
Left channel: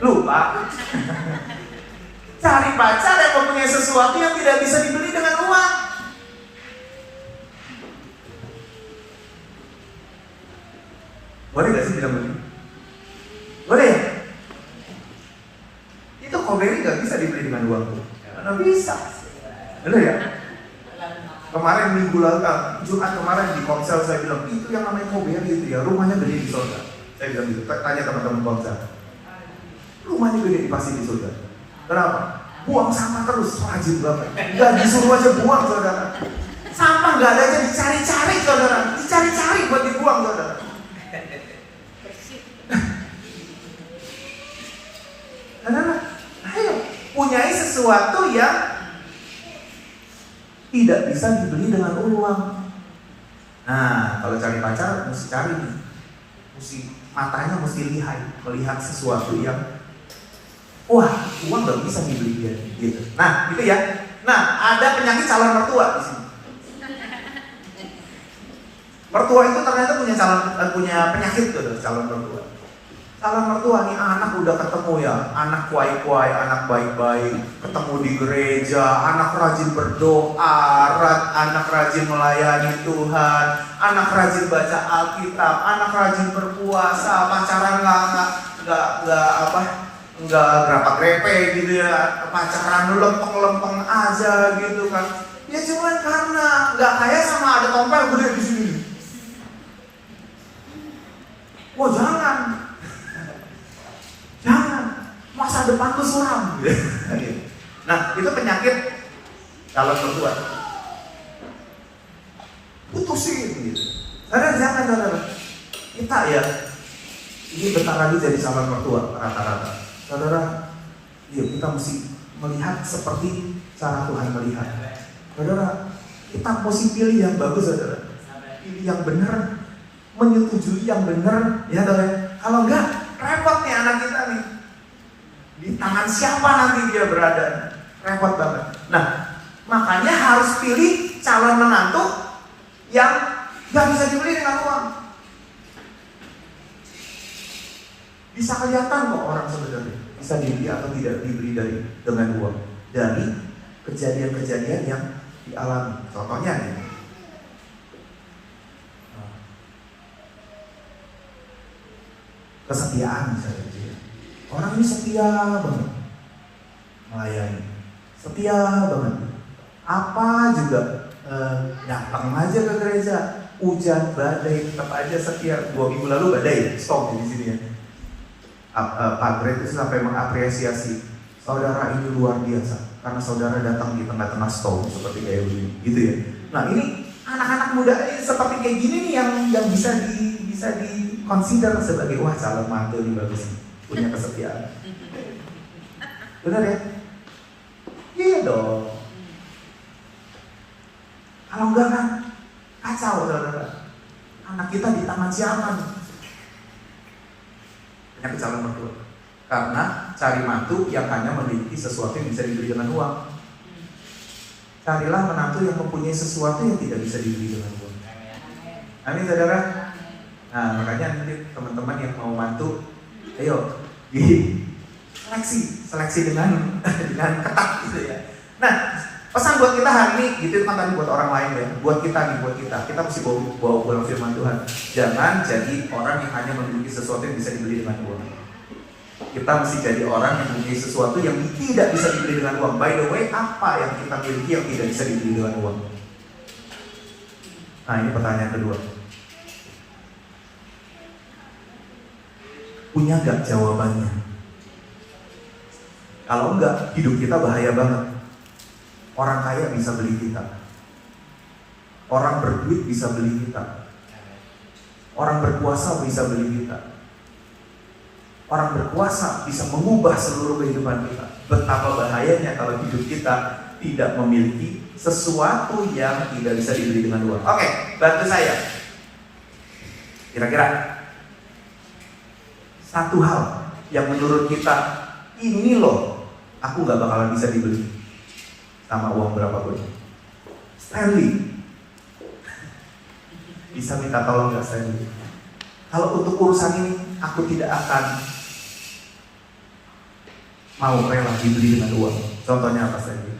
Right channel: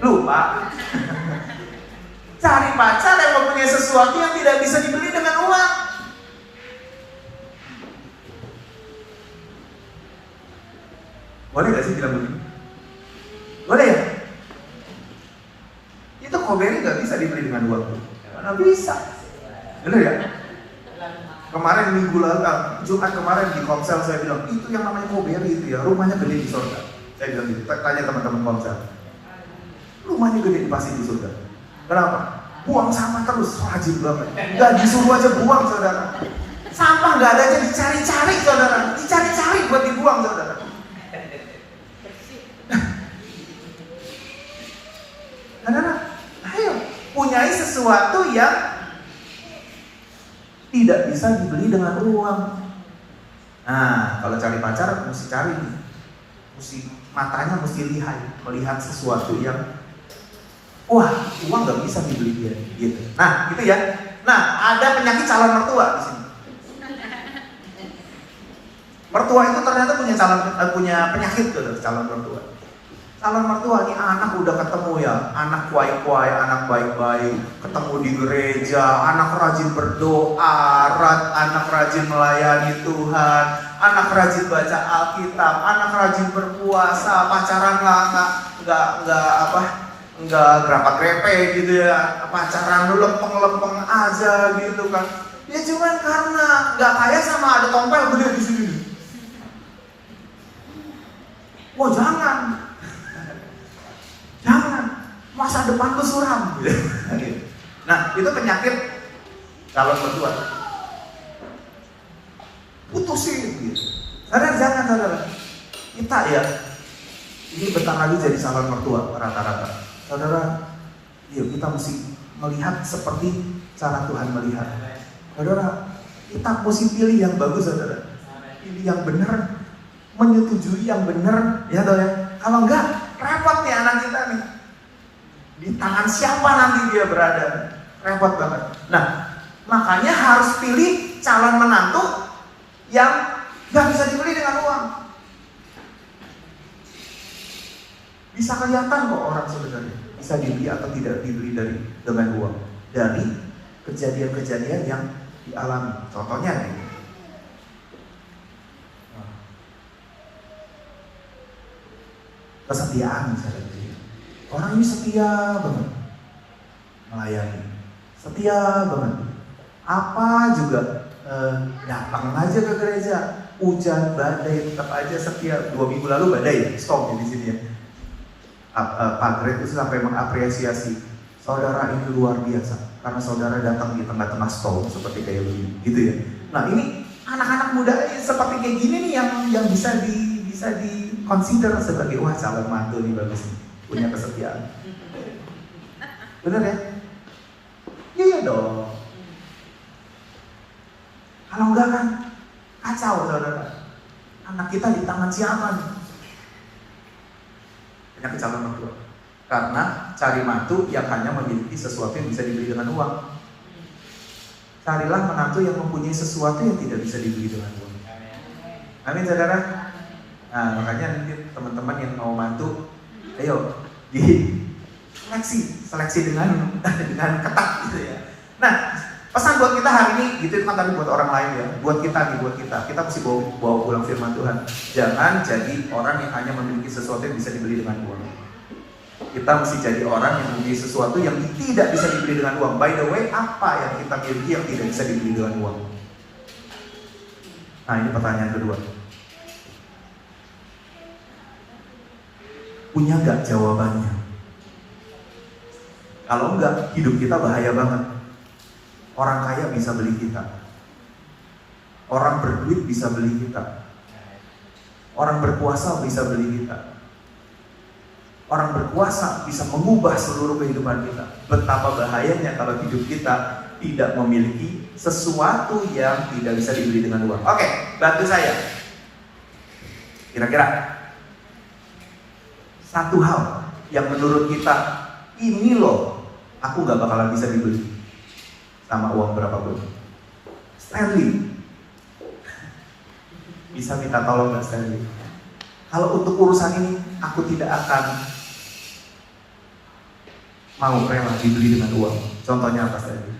Lupa. Cari pacar yang mempunyai sesuatu yang tidak bisa dibeli dengan uang. Boleh gak sih bilang begini? Boleh ya? Itu koberi gak bisa dibeli dengan uang. Karena bisa. Bener ya? Kemarin minggu lalu, Jumat kemarin di Komsel saya bilang, itu yang namanya koberi itu ya, rumahnya gede di surga. Saya bilang gitu, tanya teman-teman Komsel. Rumahnya gede di pasti di surga. Kenapa? Buang sampah terus, rajin banget. Gak disuruh aja buang saudara. Sampah gak ada aja dicari-cari saudara. Dicari-cari buat dibuang saudara. Saudara, ayo punyai sesuatu yang tidak bisa dibeli dengan uang. Nah, kalau cari pacar mesti cari nih. Matanya mesti melihat sesuatu yang wah, uang gak bisa dibeli dia, gitu. Nah, itu ya. Nah, ada penyakit calon mertua di sini. Mertua itu ternyata punya penyakit tuh, calon mertua. Calon mertua nih anak udah ketemu ya, anak kuai-kuai, anak baik-baik, ketemu di gereja, anak rajin berdoa, anak rajin melayani Tuhan, anak rajin baca Alkitab, anak rajin berpuasa, pacaran nggak berapa grepe gitu ya, pacaran lempeng-lempeng aja gitu kan. Ya cuman karena nggak kaya sama ada tompel gede di sini. Wah jangan, masa depan tuh suram. Nah itu penyakit calon mertua. Putusin gitu. Karena jangan saudara. Kita ya ini bentar lagi jadi calon mertua rata-rata. Saudara, iya kita mesti melihat seperti cara Tuhan melihat. Saudara, kita mesti pilih yang bagus saudara. Pilih yang benar, menyetujui yang benar, ya saudara. Kalau enggak, repot nih anak kita nih. Di tangan siapa nanti dia berada? Repot banget. Nah, makanya harus pilih calon menantu yang gak bisa dibeli dengan uang. Bisa kelihatan kok orang sebenarnya bisa dibeli atau tidak dibeli dengan uang dari kejadian-kejadian yang dialami. Contohnya nih, kesetiaan misalnya. Orang ini setia banget melayani, setia banget. Apa juga datang aja ke gereja, hujan badai tetap aja setia. 2 minggu lalu badai, stop di sini ya. Pak Greg itu sampai mengapresiasi saudara ini luar biasa karena saudara datang di tengah-tengah storm seperti kayak begini, gitu ya. Nah ini anak-anak muda seperti kayak gini nih yang bisa di consider sebagai wah calon mantu nih bagus nih, punya kesetiaan. Benar ya? Iya dong. Kalau enggak kan kacau saudara. Anak kita di tangan siapa nih? Yang calon mertua. Karena cari mantu yang hanya memiliki sesuatu yang bisa dibeli dengan uang. Carilah menantu yang mempunyai sesuatu yang tidak bisa dibeli dengan uang. Amin saudara. Nah makanya nanti teman-teman yang mau mantu, ayo di seleksi dengan ketat gitu ya. Nah pesan buat kita hari ini, gitu kan tadi buat orang lain ya. Buat kita mesti bawa pulang firman Tuhan. Jangan jadi orang yang hanya memiliki sesuatu yang bisa dibeli dengan uang. Kita mesti jadi orang yang memiliki sesuatu yang tidak bisa dibeli dengan uang. By the way, apa yang kita miliki yang tidak bisa dibeli dengan uang? Nah ini pertanyaan kedua. Punya gak jawabannya? Kalau enggak, hidup kita bahaya banget. Orang kaya bisa beli kita. Orang berduit bisa beli kita. Orang berkuasa bisa beli kita. Orang berkuasa bisa mengubah seluruh kehidupan kita. Betapa bahayanya kalau hidup kita tidak memiliki sesuatu yang tidak bisa dibeli dengan uang. Oke, bantu saya. Kira-kira satu hal yang menurut kita, ini loh, aku gak bakalan bisa dibeli sama uang berapapun. Stanley. Bisa minta tolong gak Stanley? Kalau untuk urusan ini, aku tidak akan mau rela dibeli dengan uang. Contohnya apa Stanley?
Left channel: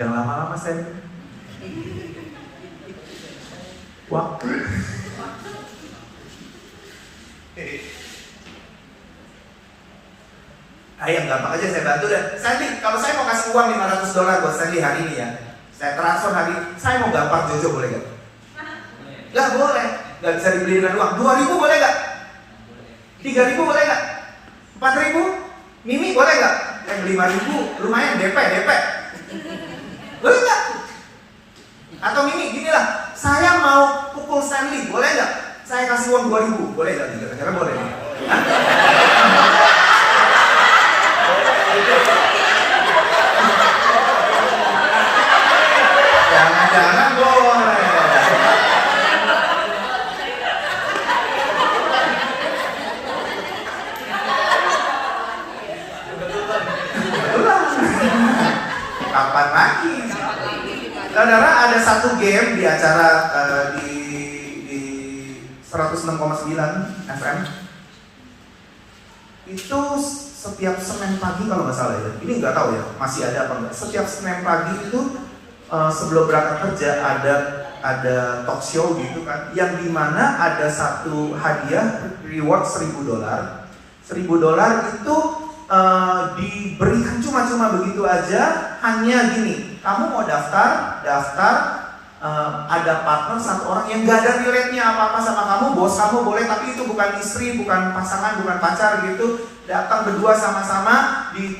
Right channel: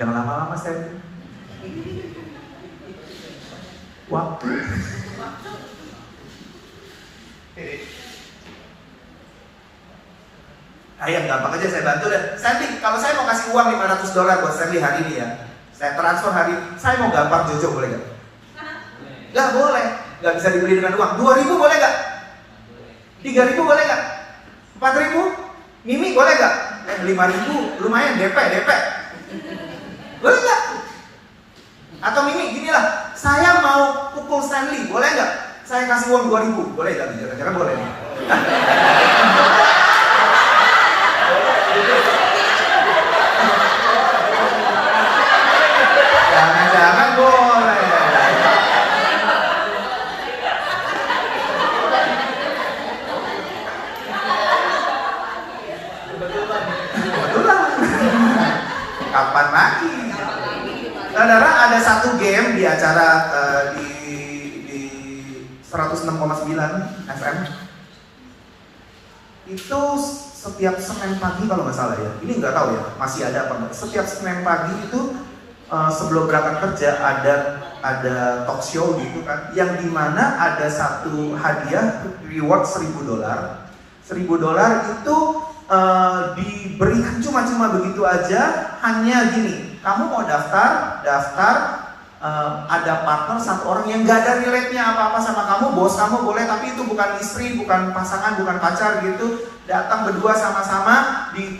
Jangan lama-lama Stanley. Waktu. Ayo gampang aja saya bantu deh. Sandy, kalau saya mau kasih uang $500 buat Sandy hari ini ya, saya transfer hari ini, saya mau gampang Jojo boleh gak? Gak boleh, gak bisa dibeli dengan uang. 2.000 boleh gak? 3.000 boleh gak? 4.000? Mimi boleh gak? 5.000 lumayan DP. Boleh gak? Atau Mimi gini lah, saya mau pukul Stanley, boleh gak? Saya kasih uang 2.000, boleh gak? Kira-kira boleh. Jangan boleh. Kapan lagi? Saudara, ada satu game di acara di 106,9 FM. Itu setiap Senin pagi kalau nggak salah ya. Ini nggak tahu ya, masih ada apa enggak. Setiap Senin pagi itu sebelum berangkat kerja ada talk show gitu kan, yang dimana ada satu hadiah reward $1.000. $1.000 itu diberikan cuma-cuma begitu aja, hanya gini, kamu mau daftar, ada partner satu orang yang gak ada relate-nya apa-apa sama kamu, bos kamu boleh, tapi itu bukan istri, bukan pasangan, bukan pacar gitu, datang berdua sama-sama di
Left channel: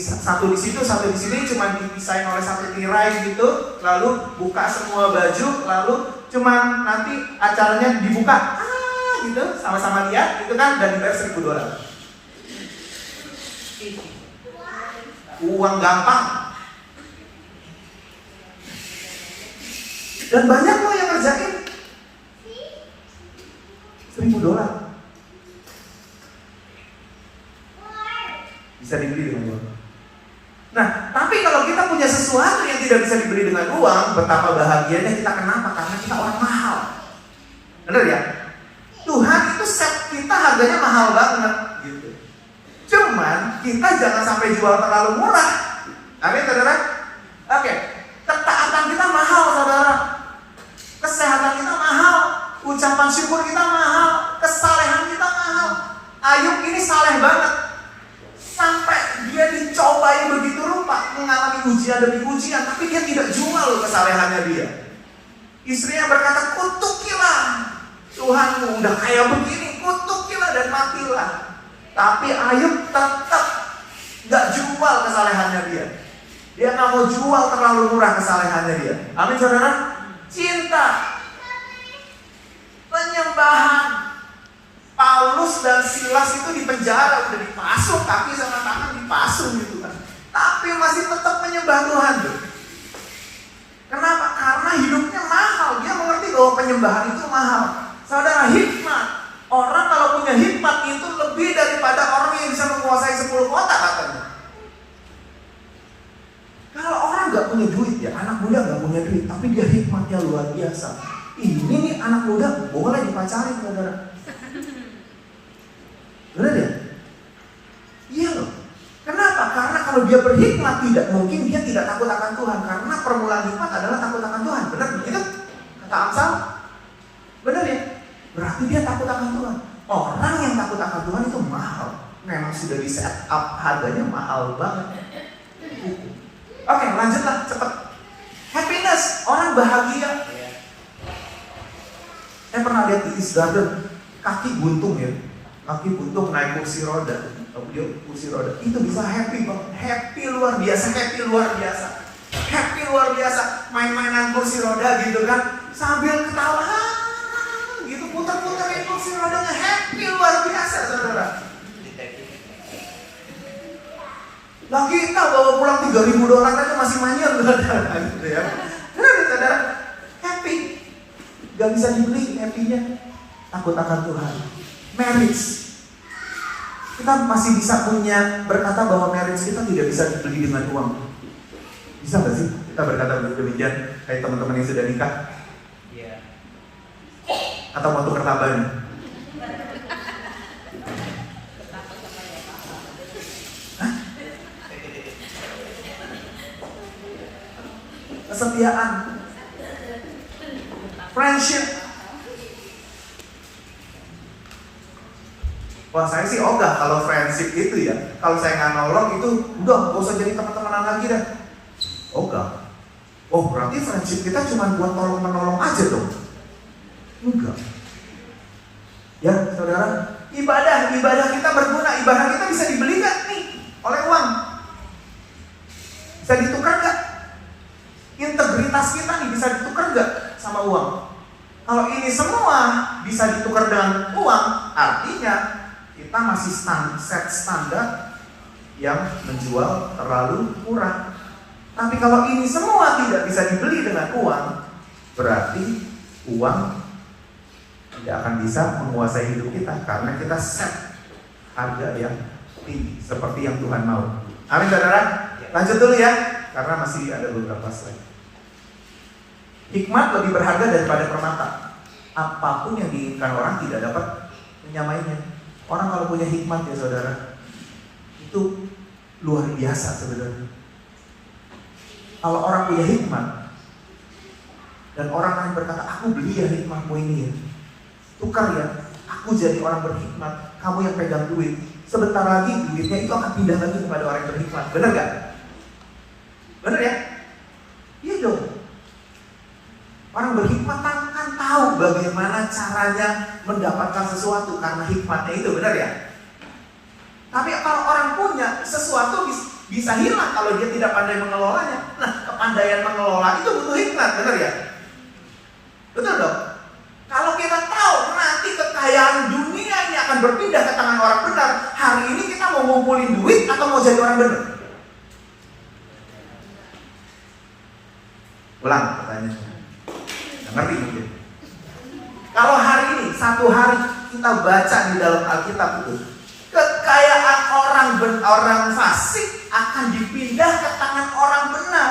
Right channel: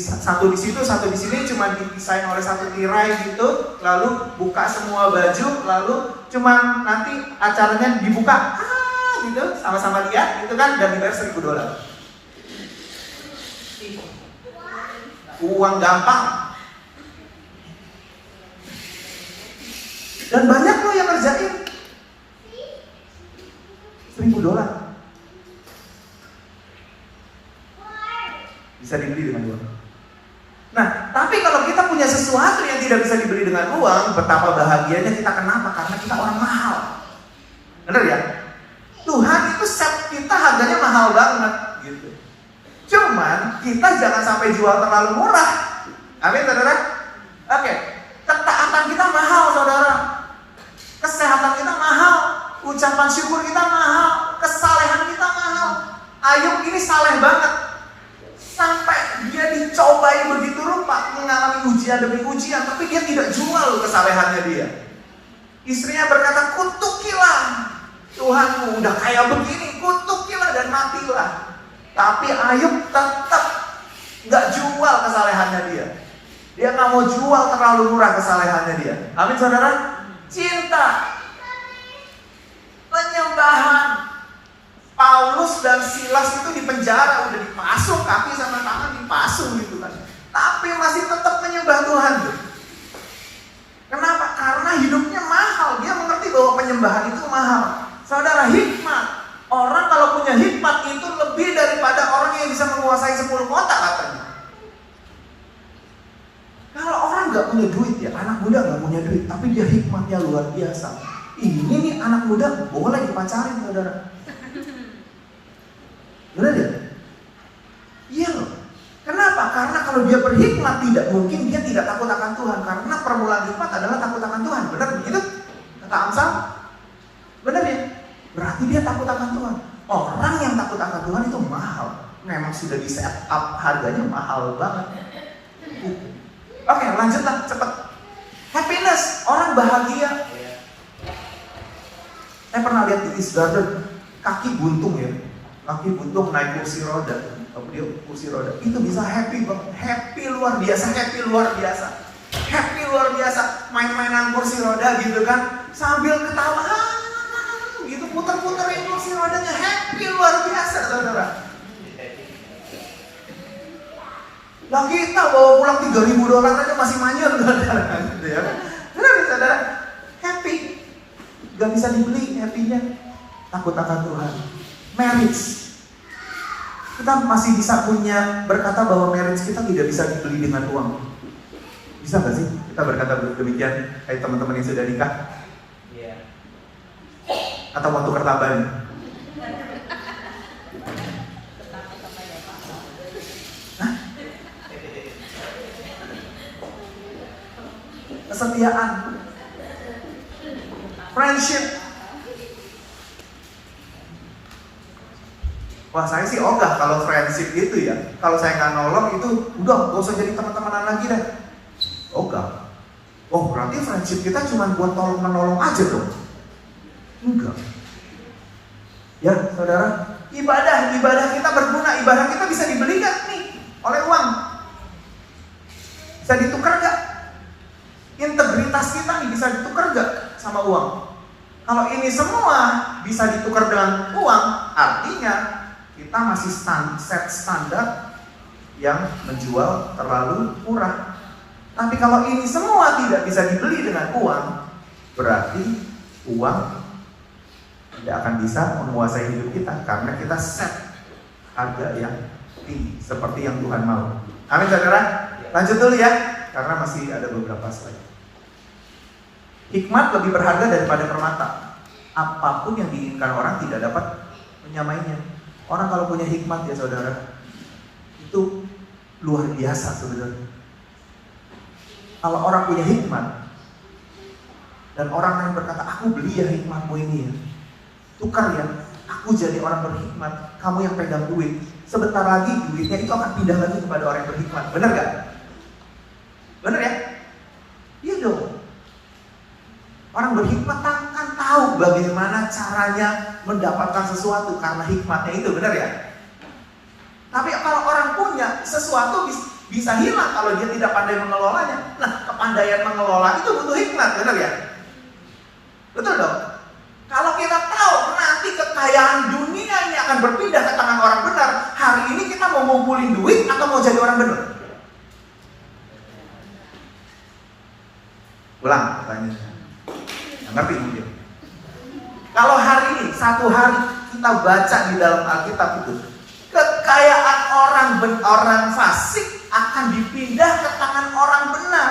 satu di situ, satu di sini, cuma dipisahin oleh satu tirai gitu, lalu buka semua baju, lalu cuma nanti acaranya dibuka, gitu, sama-sama lihat, gitu kan, dan dibayar $1.000. Uang gampang. Dan banyak loh yang ngerjain. $1.000 bisa dibeli dengan uang. Nah, tapi kalau kita punya sesuatu yang tidak bisa dibeli dengan uang, betapa bahagianya kita. Kenapa? Karena kita orang mahal. Benar ya? Tuhan itu set kita harganya mahal banget gitu. Cuman kita jangan sampai jual terlalu murah. Amin, saudara? Oke, ketaatan kita mahal, saudara. Kesehatan kita mahal, ucapan syukur kita mahal, kesalehan kita mahal. Ayub ini saleh banget, sampai dia dicobai begitu rupa, mengalami ujian demi ujian, tapi dia tidak jual kesalehannya dia. Istrinya berkata, kutukilah Tuhanmu, udah kayak begini, kutukilah dan matilah. Tapi Ayub tetap gak jual kesalehannya dia. Dia gak mau jual terlalu murah kesalehannya dia. Amin, saudara? Cinta, penyembahan. Paulus dan Silas itu di penjara, udah dipasung kaki sama tangan, dipasung gitu kan, tapi masih tetap menyembah Tuhan. Kenapa? Karena hidupnya mahal. Dia mengerti bahwa penyembahan itu mahal. Saudara, hikmat. Orang kalau punya hikmat itu lebih daripada orang yang bisa menguasai 10 kota katanya. Kalau orang gak punya duit ya, anak muda gak punya duit, tapi dia hikmatnya luar biasa. Ini nih anak muda boleh dipacarin, saudara. Benar ya? Iya loh. Kenapa? Karena kalau dia berhikmat, tidak mungkin dia tidak takut akan Tuhan. Karena permulaan hikmat adalah takut akan Tuhan. Benar begitu? Kata Amsal? Benar ya? Berarti dia takut akan Tuhan. Orang yang takut akan Tuhan itu mahal. Memang sudah di set up, harganya mahal banget. Oke, lanjutlah cepet. Happiness, orang bahagia. Pernah lihat di East Garden, kaki buntung ya, kaki buntung naik kursi roda, dia kursi roda, itu bisa happy banget, happy luar biasa, main-mainan kursi roda gitu kan, sambil ketawa, gitu putar-putarin kursi rodanya, happy luar biasa, saudara. Lah kita bawa pulang $3.000 aja masih manyun, saudara, gitu ya. Saudara, happy. Gak bisa dibeli happy-nya. Takut akan Tuhan. Marriage, kita masih bisa berkata bahwa marriage kita tidak bisa dibeli dengan uang. Bisa gak sih kita berkata demikian? Teman-teman yang sudah nikah? Iya. Atau mau tukar tambahnya? Kesetiaan, friendship. Wah, saya sih ogah kalau friendship itu ya. Kalau saya nggak nolong itu, udah gak usah jadi teman-temanan lagi deh. Ogah. Oh, berarti friendship kita cuma buat tolong-menolong aja dong? Enggak. Ya, saudara, ibadah kita berguna, ibadah kita bisa dibeli gak nih oleh uang? Bisa ditukar gak? Integritas kita nih bisa ditukar gak sama uang? Kalau ini semua bisa ditukar dengan uang, artinya kita masih set standar yang menjual terlalu murah. Tapi kalau ini semua tidak bisa dibeli dengan uang, berarti uang tidak akan bisa menguasai hidup kita, karena kita set harga yang tinggi seperti yang Tuhan mau. Amin, saudara. Lanjut dulu ya, karena masih ada beberapa slide. Hikmat lebih berharga daripada permata. Apapun yang diinginkan orang tidak dapat menyamainya. Orang kalau punya hikmat ya saudara, itu luar biasa saudara. Kalau orang punya hikmat dan orang lain berkata, aku beli ya hikmatmu ini ya, tukar ya, aku jadi orang berhikmat, kamu yang pegang duit. Sebentar lagi duitnya itu akan pindah lagi kepada orang yang berhikmat. Benar gak? Benar ya? Iya dong. Orang berhikmat kan tahu bagaimana caranya mendapatkan sesuatu karena hikmatnya itu, benar ya? Tapi kalau orang punya sesuatu bisa hilang kalau dia tidak pandai mengelolanya. Nah, kepandaian mengelola itu butuh hikmat, benar ya? Betul dong? Kalau kita tahu nanti kekayaan dunia ini akan berpindah ke tangan orang benar, hari ini kita mau ngumpulin duit atau mau jadi orang benar? Ulang pertanyaannya. Ngerti mungkin? Kalau hari ini, satu hari kita baca di dalam Alkitab itu, kekayaan orang fasik akan dipindah ke tangan orang benar.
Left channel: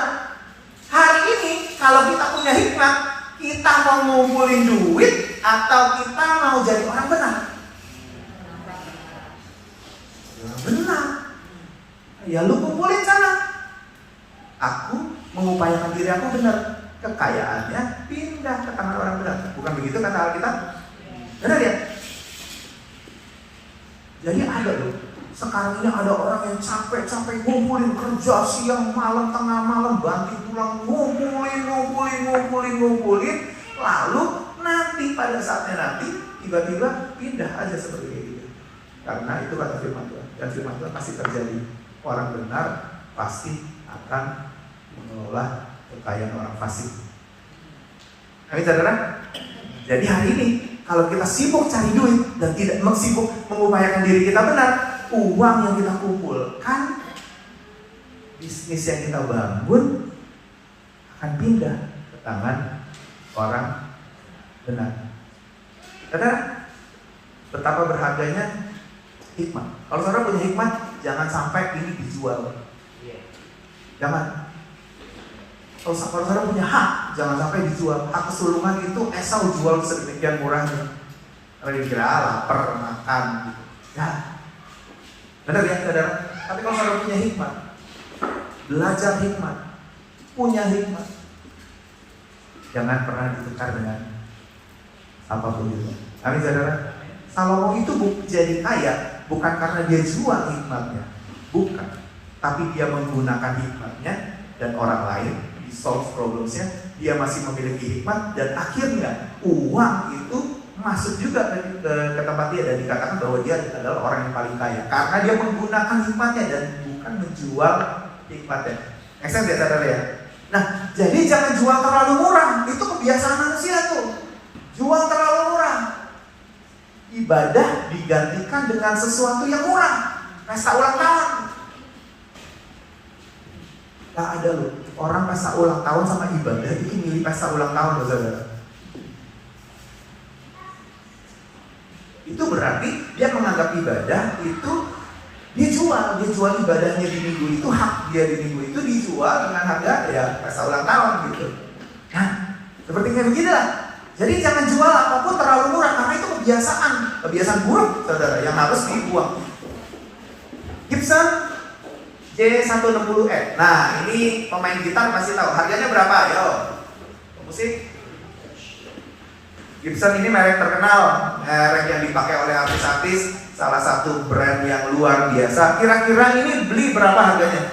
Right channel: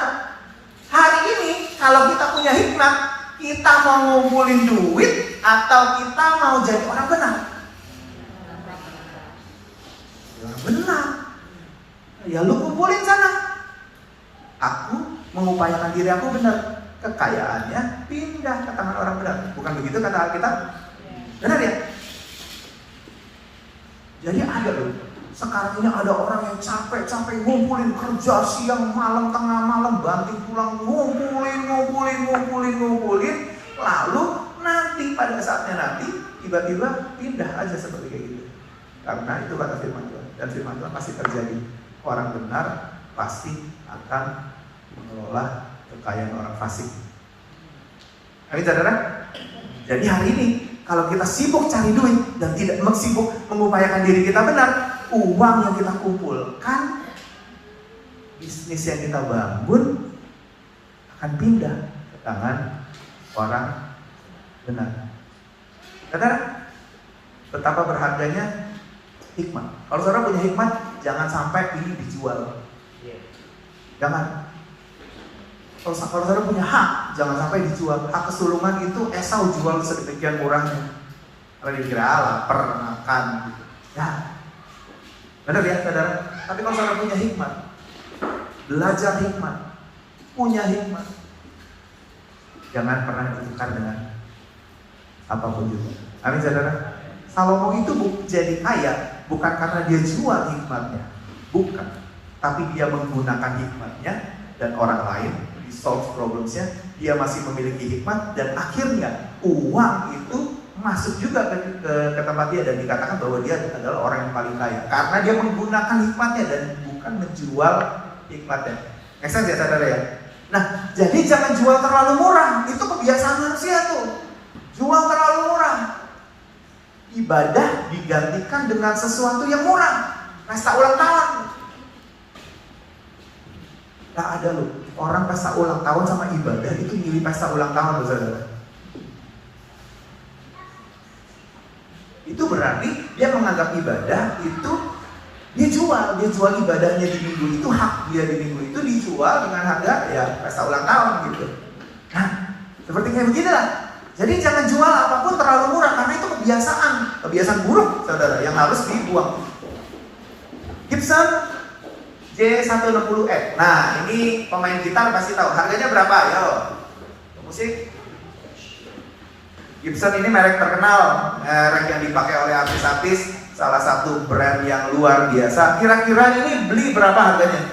Hari ini, kalau kita punya hikmat, kita mau ngumpulin duit atau kita mau jadi orang benar? Orang benar. Ya lu kumpulin sana. Aku mengupayakan diri aku benar. Kekayaannya pindah ke tangan orang benar. Bukan begitu kata Alkitab? Benar ya? Jadi ada loh. Sekarang ini ada orang yang capek-capek ngumpulin, kerja siang, malam, tengah malam, banting tulang, ngumpulin. Lalu nanti pada saatnya nanti tiba-tiba pindah aja seperti itu. Karena itu kata firman Tuhan. Dan firman Tuhan pasti terjadi. Orang benar pasti akan mengelola kekayaan orang fasik. Oke saudara? Jadi hari ini kalau kita sibuk cari duit dan tidak sibuk mengupayakan diri kita benar, uang yang kita kumpulkan, bisnis yang kita bangun akan pindah ke tangan orang benar. Saudara, betapa berharganya hikmat. Kalau saudara punya hikmat, jangan sampai ini dijual. Jangan. Kalau saudara punya hak, jangan sampai dijual. Hak kesulungan itu Esau jual sedemikian murahnya. Kalau dikira lapar, makan gitu. Ya. Benar ya saudara? Tapi kalau saudara punya hikmat, belajar hikmat, punya hikmat, jangan pernah ditukar dengan apapun juga. Amin saudara? Salomo itu jadi kaya bukan karena dia jual hikmatnya, bukan. Tapi dia menggunakan hikmatnya dan orang lain, di solve problemsnya, dia masih memiliki hikmat, dan akhirnya uang itu masuk juga ke tempat dia, dan dikatakan bahwa dia adalah orang yang paling kaya karena dia menggunakan hikmatnya dan bukan menjual hikmatnya. Eksen ya saudara ya. Nah, jadi jangan jual terlalu murah. Itu kebiasaan manusia tuh. Jual terlalu murah. Ibadah digantikan dengan sesuatu yang murah. Pesta ulang tahun. Gak ada loh. Orang pesta ulang tahun sama ibadah itu milih pesta ulang tahun loh saudara. Itu berarti dia menganggap ibadah itu dia jual ibadahnya di minggu itu, hak dia di minggu itu dijual dengan harga ya pesta ulang tahun gitu. Nah, seperti kayak begini lah. Jadi jangan jual apapun terlalu murah karena itu kebiasaan buruk saudara yang harus dibuang. Gibson J160X. Nah, ini pemain gitar pasti tahu harganya berapa? Ayo, musik. Gibson ini merek terkenal, merek yang dipakai oleh artis-artis, salah satu brand yang luar biasa. Kira-kira ini beli berapa harganya?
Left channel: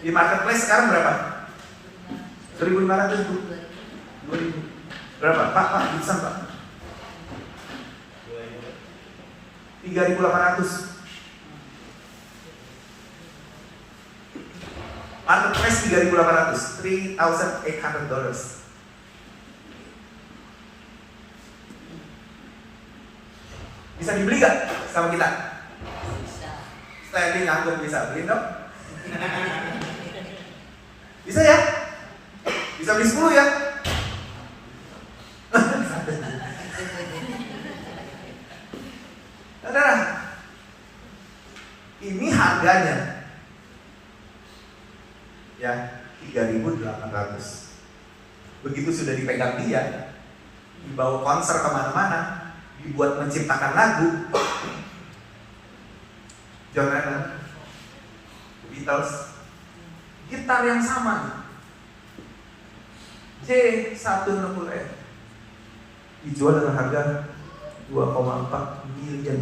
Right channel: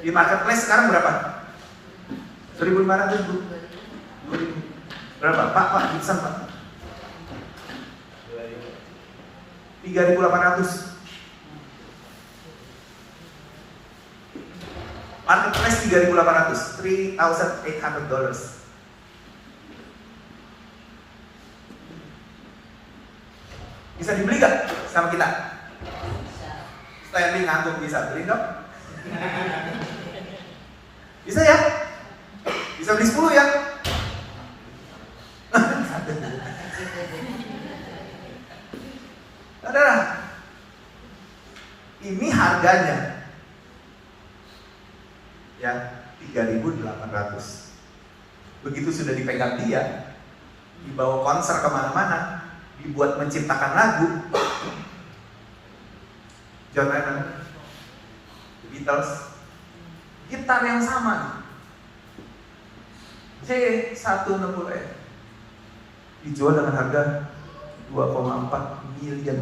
Di marketplace sekarang berapa? 1.500 ribu. 2.000. Berapa? Pak, Gibson Pak? 3.800. Marketplace 3.800, $3,800. Bisa dibeli gak sama kita? Stanley nanggung bisa beli dong? Bisa ya? Bisa beli 10 ya? Saudara, ini harganya ya 3.800. Begitu sudah dipegang dia, dibawa konser kemana-mana, dibuat menciptakan lagu. John Lennon, The Beatles, gitar yang sama J160X dijual dengan harga 2,4 miliar.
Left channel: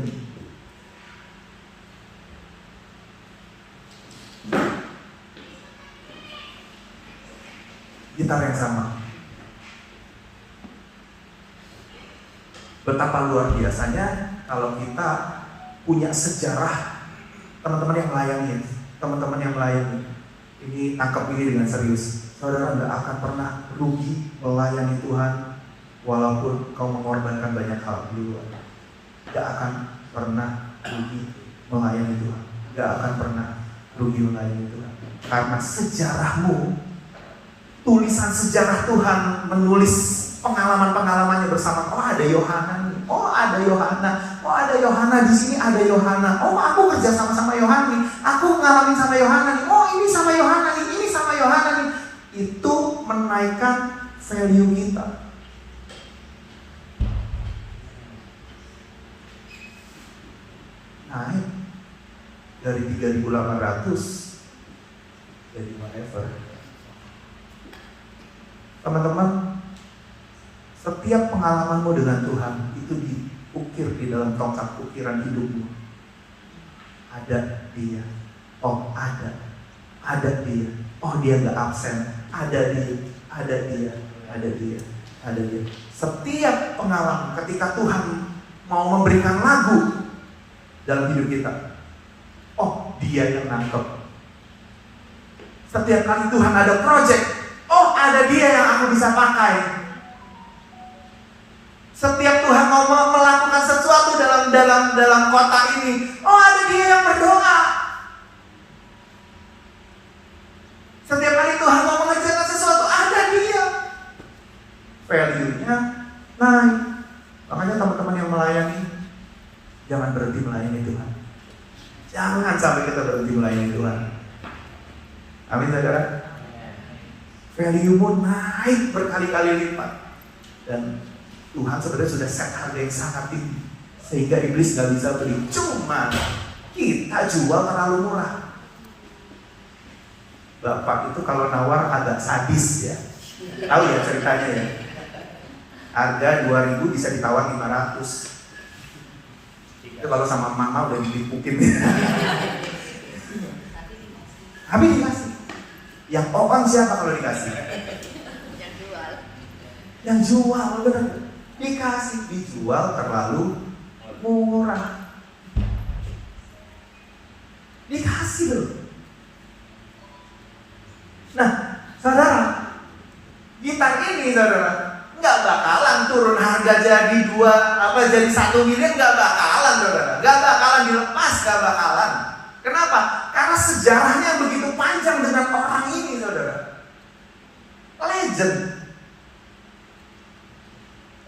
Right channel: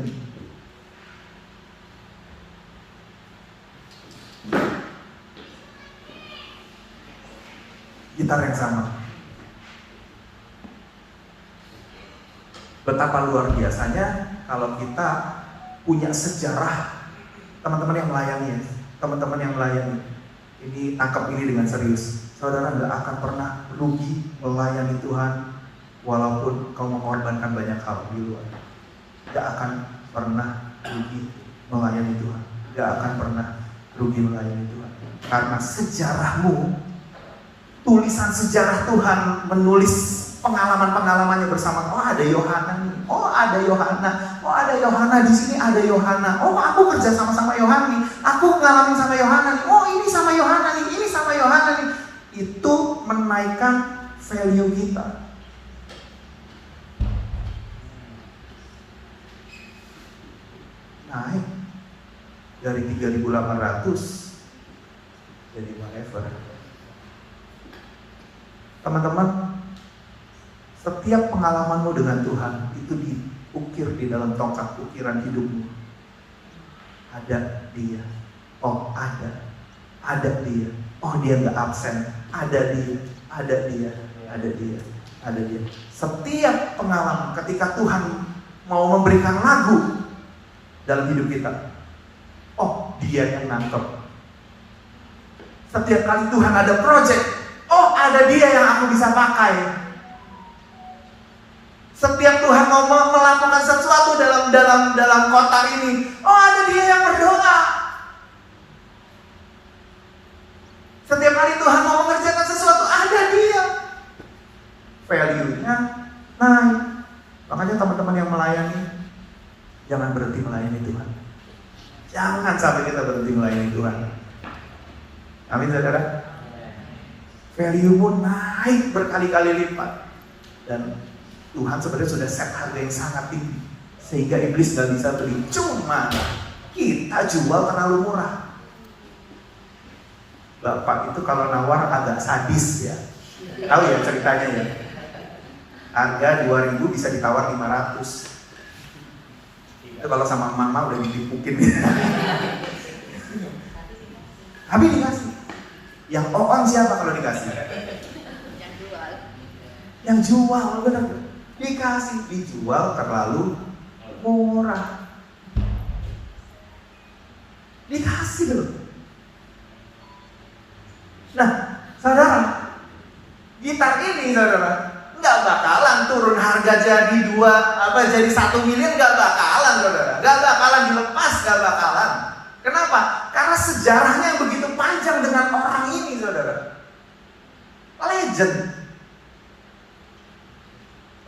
Gitar yang sama. Betapa luar biasanya kalau kita punya sejarah. Teman-teman yang melayani, ini tangkap ini dengan serius. Saudara nggak akan pernah rugi melayani Tuhan, walaupun kau mengorbankan banyak hal di luar. Nggak akan pernah rugi melayani Tuhan. Nggak akan pernah rugi melayani Tuhan. Karena sejarahmu, tulisan sejarah Tuhan menulis pengalaman-pengalamannya bersama. Oh ada Yohana nih, oh ada Yohana, oh ada Yohana di sini, ada Yohana. Oh aku kerja sama Yohana nih, aku ngalamin sama Yohana nih. Oh ini sama Yohana nih, ini sama Yohana nih. Itu menaikkan value kita. Naik dari 3.800 jadi whatever. Teman-teman, setiap pengalamanmu dengan Tuhan itu diukir di dalam tongkat ukiran hidupmu. Ada dia, oh ada dia, oh dia nggak absen, ada dia. Setiap pengalaman ketika Tuhan mau memberikan lagu dalam hidup kita, oh dia yang nangkep. Setiap kali Tuhan ada project, oh ada dia yang aku bisa pakai. Setiap Tuhan mau melakukan sesuatu dalam kota ini, oh ada dia yang berdoa. Setiap kali Tuhan mau mengerjakan sesuatu, ada dia. Value-nya naik. Makanya teman-teman yang melayani, jangan berhenti melayani Tuhan. Jangan sampai kita berhenti melayani Tuhan. Amin saudara. Value-mu naik berkali-kali lipat. Dan Tuhan sebenarnya sudah set harga yang sangat tinggi sehingga iblis gak bisa beli. Cuma kita jual terlalu murah. Bapak itu kalau nawar agak sadis ya. Tahu ya ceritanya ya. Harga 2.000 bisa ditawar 500. Itu kalau sama mama udah ditipukin. Tapi dikasih. Yang on siapa kalau dikasih? Yang jual, benar. Dikasih, dijual terlalu murah. Dikasih loh. Nah, saudara, gitar ini saudara nggak bakalan turun harga jadi 1 miliar, nggak bakalan saudara, nggak bakalan dilepas, nggak bakalan. Kenapa? Karena sejarahnya begitu panjang dengan orang ini saudara.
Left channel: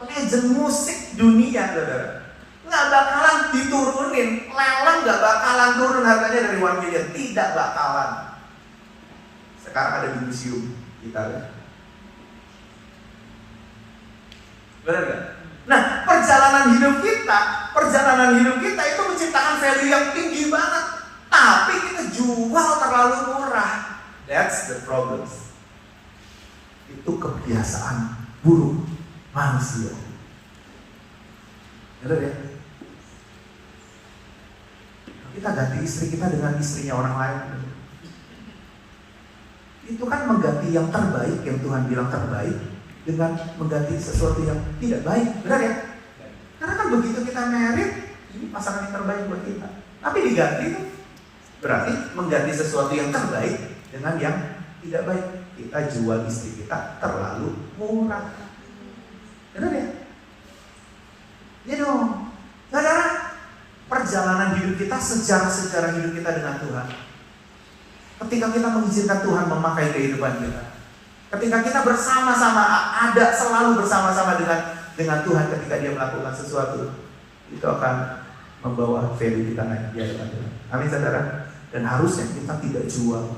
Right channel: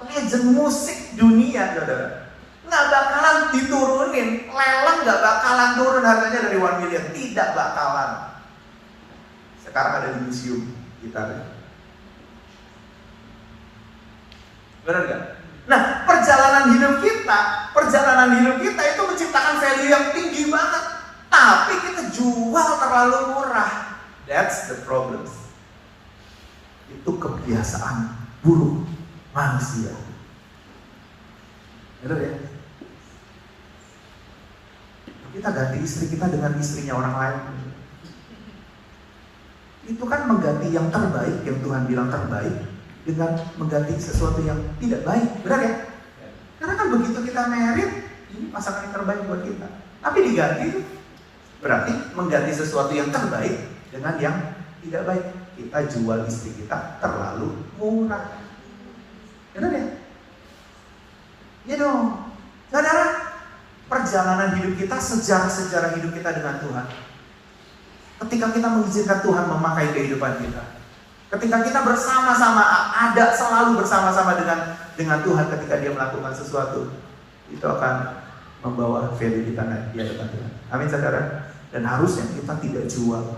Legend musik dunia saudara. Nggak bakalan diturunin, lelang nggak bakalan turun harganya dari 1 miliar, tidak bakalan. Sekarang ada di museum gitar. Benar gak? Nah, perjalanan hidup kita itu menciptakan value yang tinggi banget, tapi kita jual terlalu murah. That's the problem. Itu kebiasaan buruk manusia. Benar ya? Kita ganti istri kita dengan istrinya orang lain. Itu kan mengganti yang terbaik, yang Tuhan bilang terbaik, dengan mengganti sesuatu yang tidak baik. Benar ya? Karena kan begitu kita married, ini pasangan yang terbaik buat kita. Tapi diganti, berarti mengganti sesuatu yang terbaik dengan yang tidak baik. Kita jual istri kita terlalu murah. Benar ya? Saudara, perjalanan hidup kita, sejarah hidup kita dengan Tuhan. Ketika kita mengizinkan Tuhan memakai kehidupan kita, ketika kita bersama-sama, selalu bersama-sama dengan Tuhan ketika Dia melakukan sesuatu, itu akan membawa value kita naik di hadapan Tuhan. Amin saudara. Dan harusnya kita tidak jual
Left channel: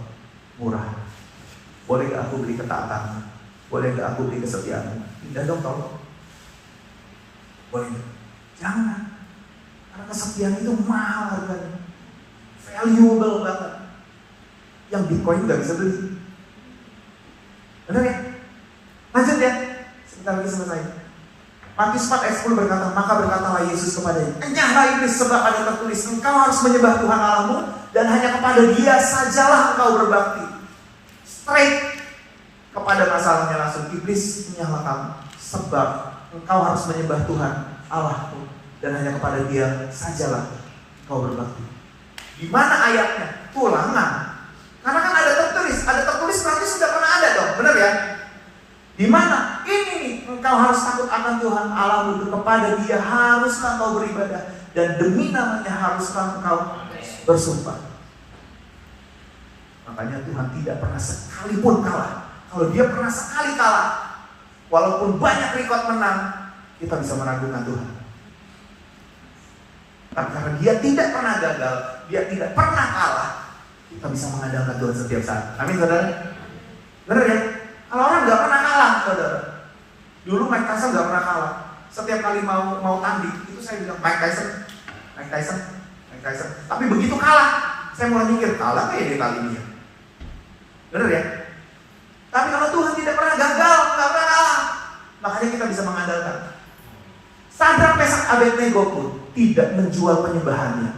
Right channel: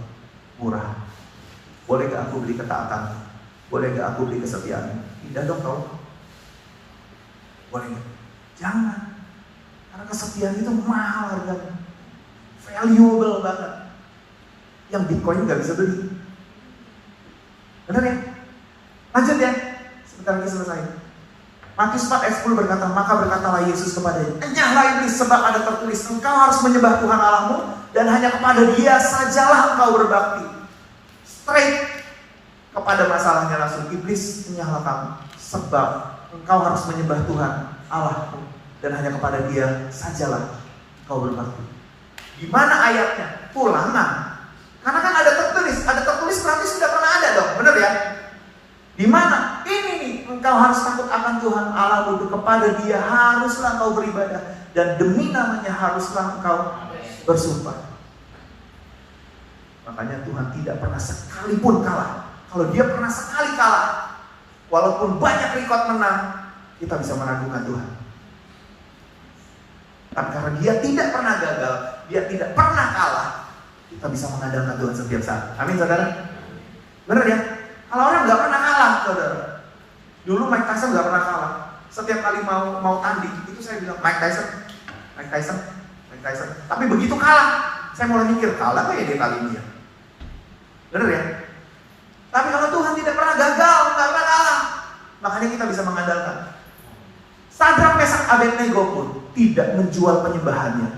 murah. Boleh gak aku beli ketaatan? Boleh gak aku beli kesetiaan? Tidak dong kau. Boleh gak? Jangan. Karena kesetiaan itu mahal harganya, valuable banget, yang Bitcoin gak bisa beli. Benar ya? Lanjut ya. Sebentar lagi selesai. Matius 4 ayat 10 berkata, maka berkatalah Yesus kepadanya, enyahlah iblis, sebab ada tertulis, engkau harus menyembah Tuhan Allahmu, dan hanya kepada Dia sajalah engkau berbakti. Straight kepada masalahnya langsung, iblis, enyahlah kamu, sebab engkau harus menyembah Tuhan Allahmu, dan hanya kepada Dia sajalah engkau berbakti. Di mana ayatnya? Ulangan. Karena kan ada tertulis berarti sudah pernah ada dong, benar ya? Di mana? Ini nih, engkau harus takut akan Tuhan Allahmu, kepada Dia haruslah engkau beribadah, dan demi namanya haruslah engkau bersumpah. Makanya Tuhan tidak pernah sekalipun kalah. Kalau Dia pernah sekali kalah, walaupun banyak rekod menang, kita bisa meragukan Tuhan. Tapi karena Dia tidak pernah gagal, Dia tidak pernah kalah, kita bisa mengandalkan Tuhan setiap saat. Amin saudara. Benar ya? Kalau orang nggak pernah kalah, saudara. Dulu Mike Tyson nggak pernah kalah. Setiap kali mau tanding, itu saya bilang Mike Tyson. Tapi begitu kalah, saya mulai mikir, kalah kok ya dia kali ini ya? Benar ya? Tapi kalau Tuhan tidak pernah gagal, nggak pernah kalah, makanya kita bisa mengandalkan. Sadrak, Mesak, Abednego pun tidak menjual penyembahannya,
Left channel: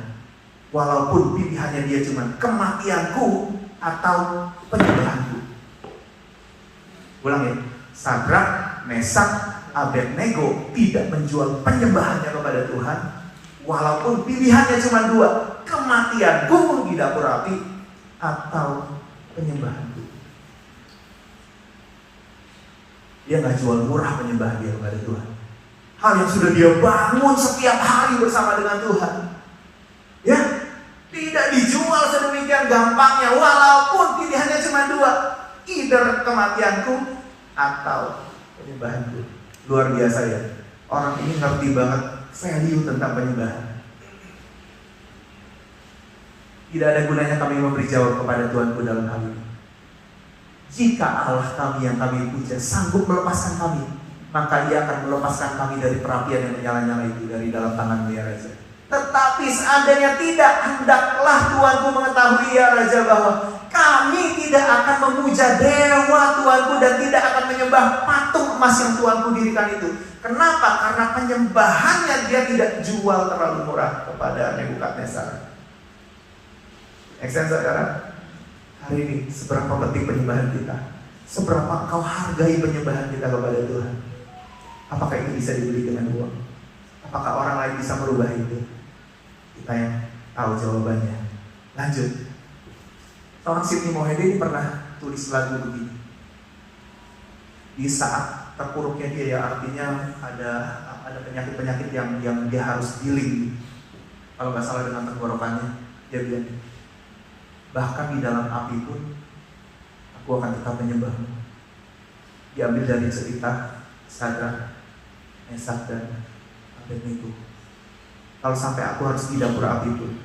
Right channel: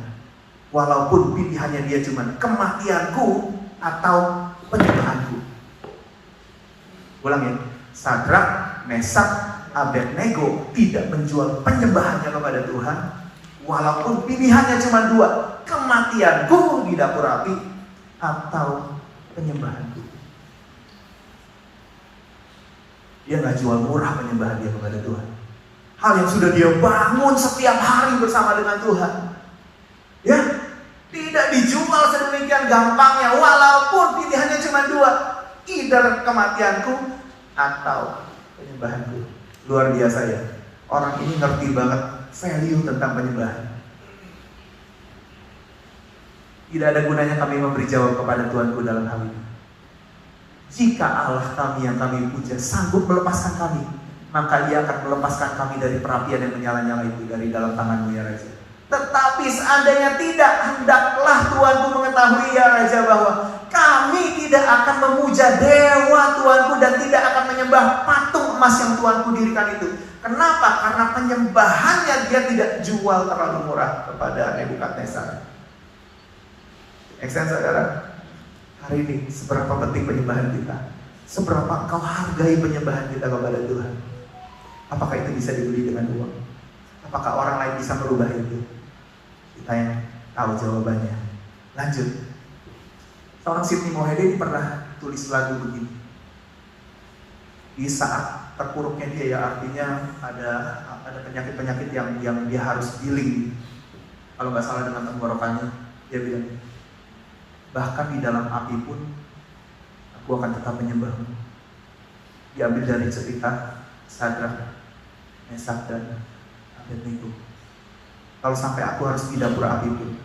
walaupun pilihannya dia cuma kematianku atau penyembahanku. Ulang ya, Sadrak, Mesak, Abednego tidak menjual penyembahannya kepada Tuhan, walaupun pilihannya cuma 2, kematianku di dapur api atau penyembahanku. Dia nggak jual murah penyembahan dia kepada Tuhan. Hal yang sudah dia bangun setiap hari bersama dengan Tuhan, ya, tidak dijual sedemikian gampangnya, walaupun pilihannya cuma 2, either kematianku atau penyembahanku. Luar biasa ya. Orang ini ngerti banget value tentang penyembahan. Tidak ada gunanya kami memberi jawab kepada Tuhanku dalam hal ini. Jika Allah kami yang kami puja sanggup melepaskan kami, maka Ia akan melepaskan kami dari perapian yang menyala-nyala itu, dari dalam tangan-Mu ya Raja. Tetapi seandainya tidak, hendaklah Tuanku mengetahui ya Raja, bahwa kami tidak akan memuja dewa Tuanku dan tidak akan menyembah patung emas yang Tuanku dirikan itu. Kenapa? Karena penyembahannya dia tidak jual terlalu murah kepada Nebukadnezar. Make sense, saudara? Hari ini seberapa penting penyembahan kita? Seberapa kau hargai penyembahan kita kepada Tuhan? Apakah itu bisa dibeli dengan uang? Apakah orang lain bisa merubah itu? Kita yang tahu jawabannya. Lanjut. Seorang Sidney Mohede pernah tulis lagu begini. Di saat terpuruknya dia, ya artinya ada penyakit-penyakit yang dia harus dealing. Kalau nggak salah dengan tenggorokannya, dia bilang, bahkan di dalam api pun aku akan tetap menyembahmu. Diambil dari cerita Sadrak, Mesak dan Abednego. Kalau sampai aku harus di dapur api pun,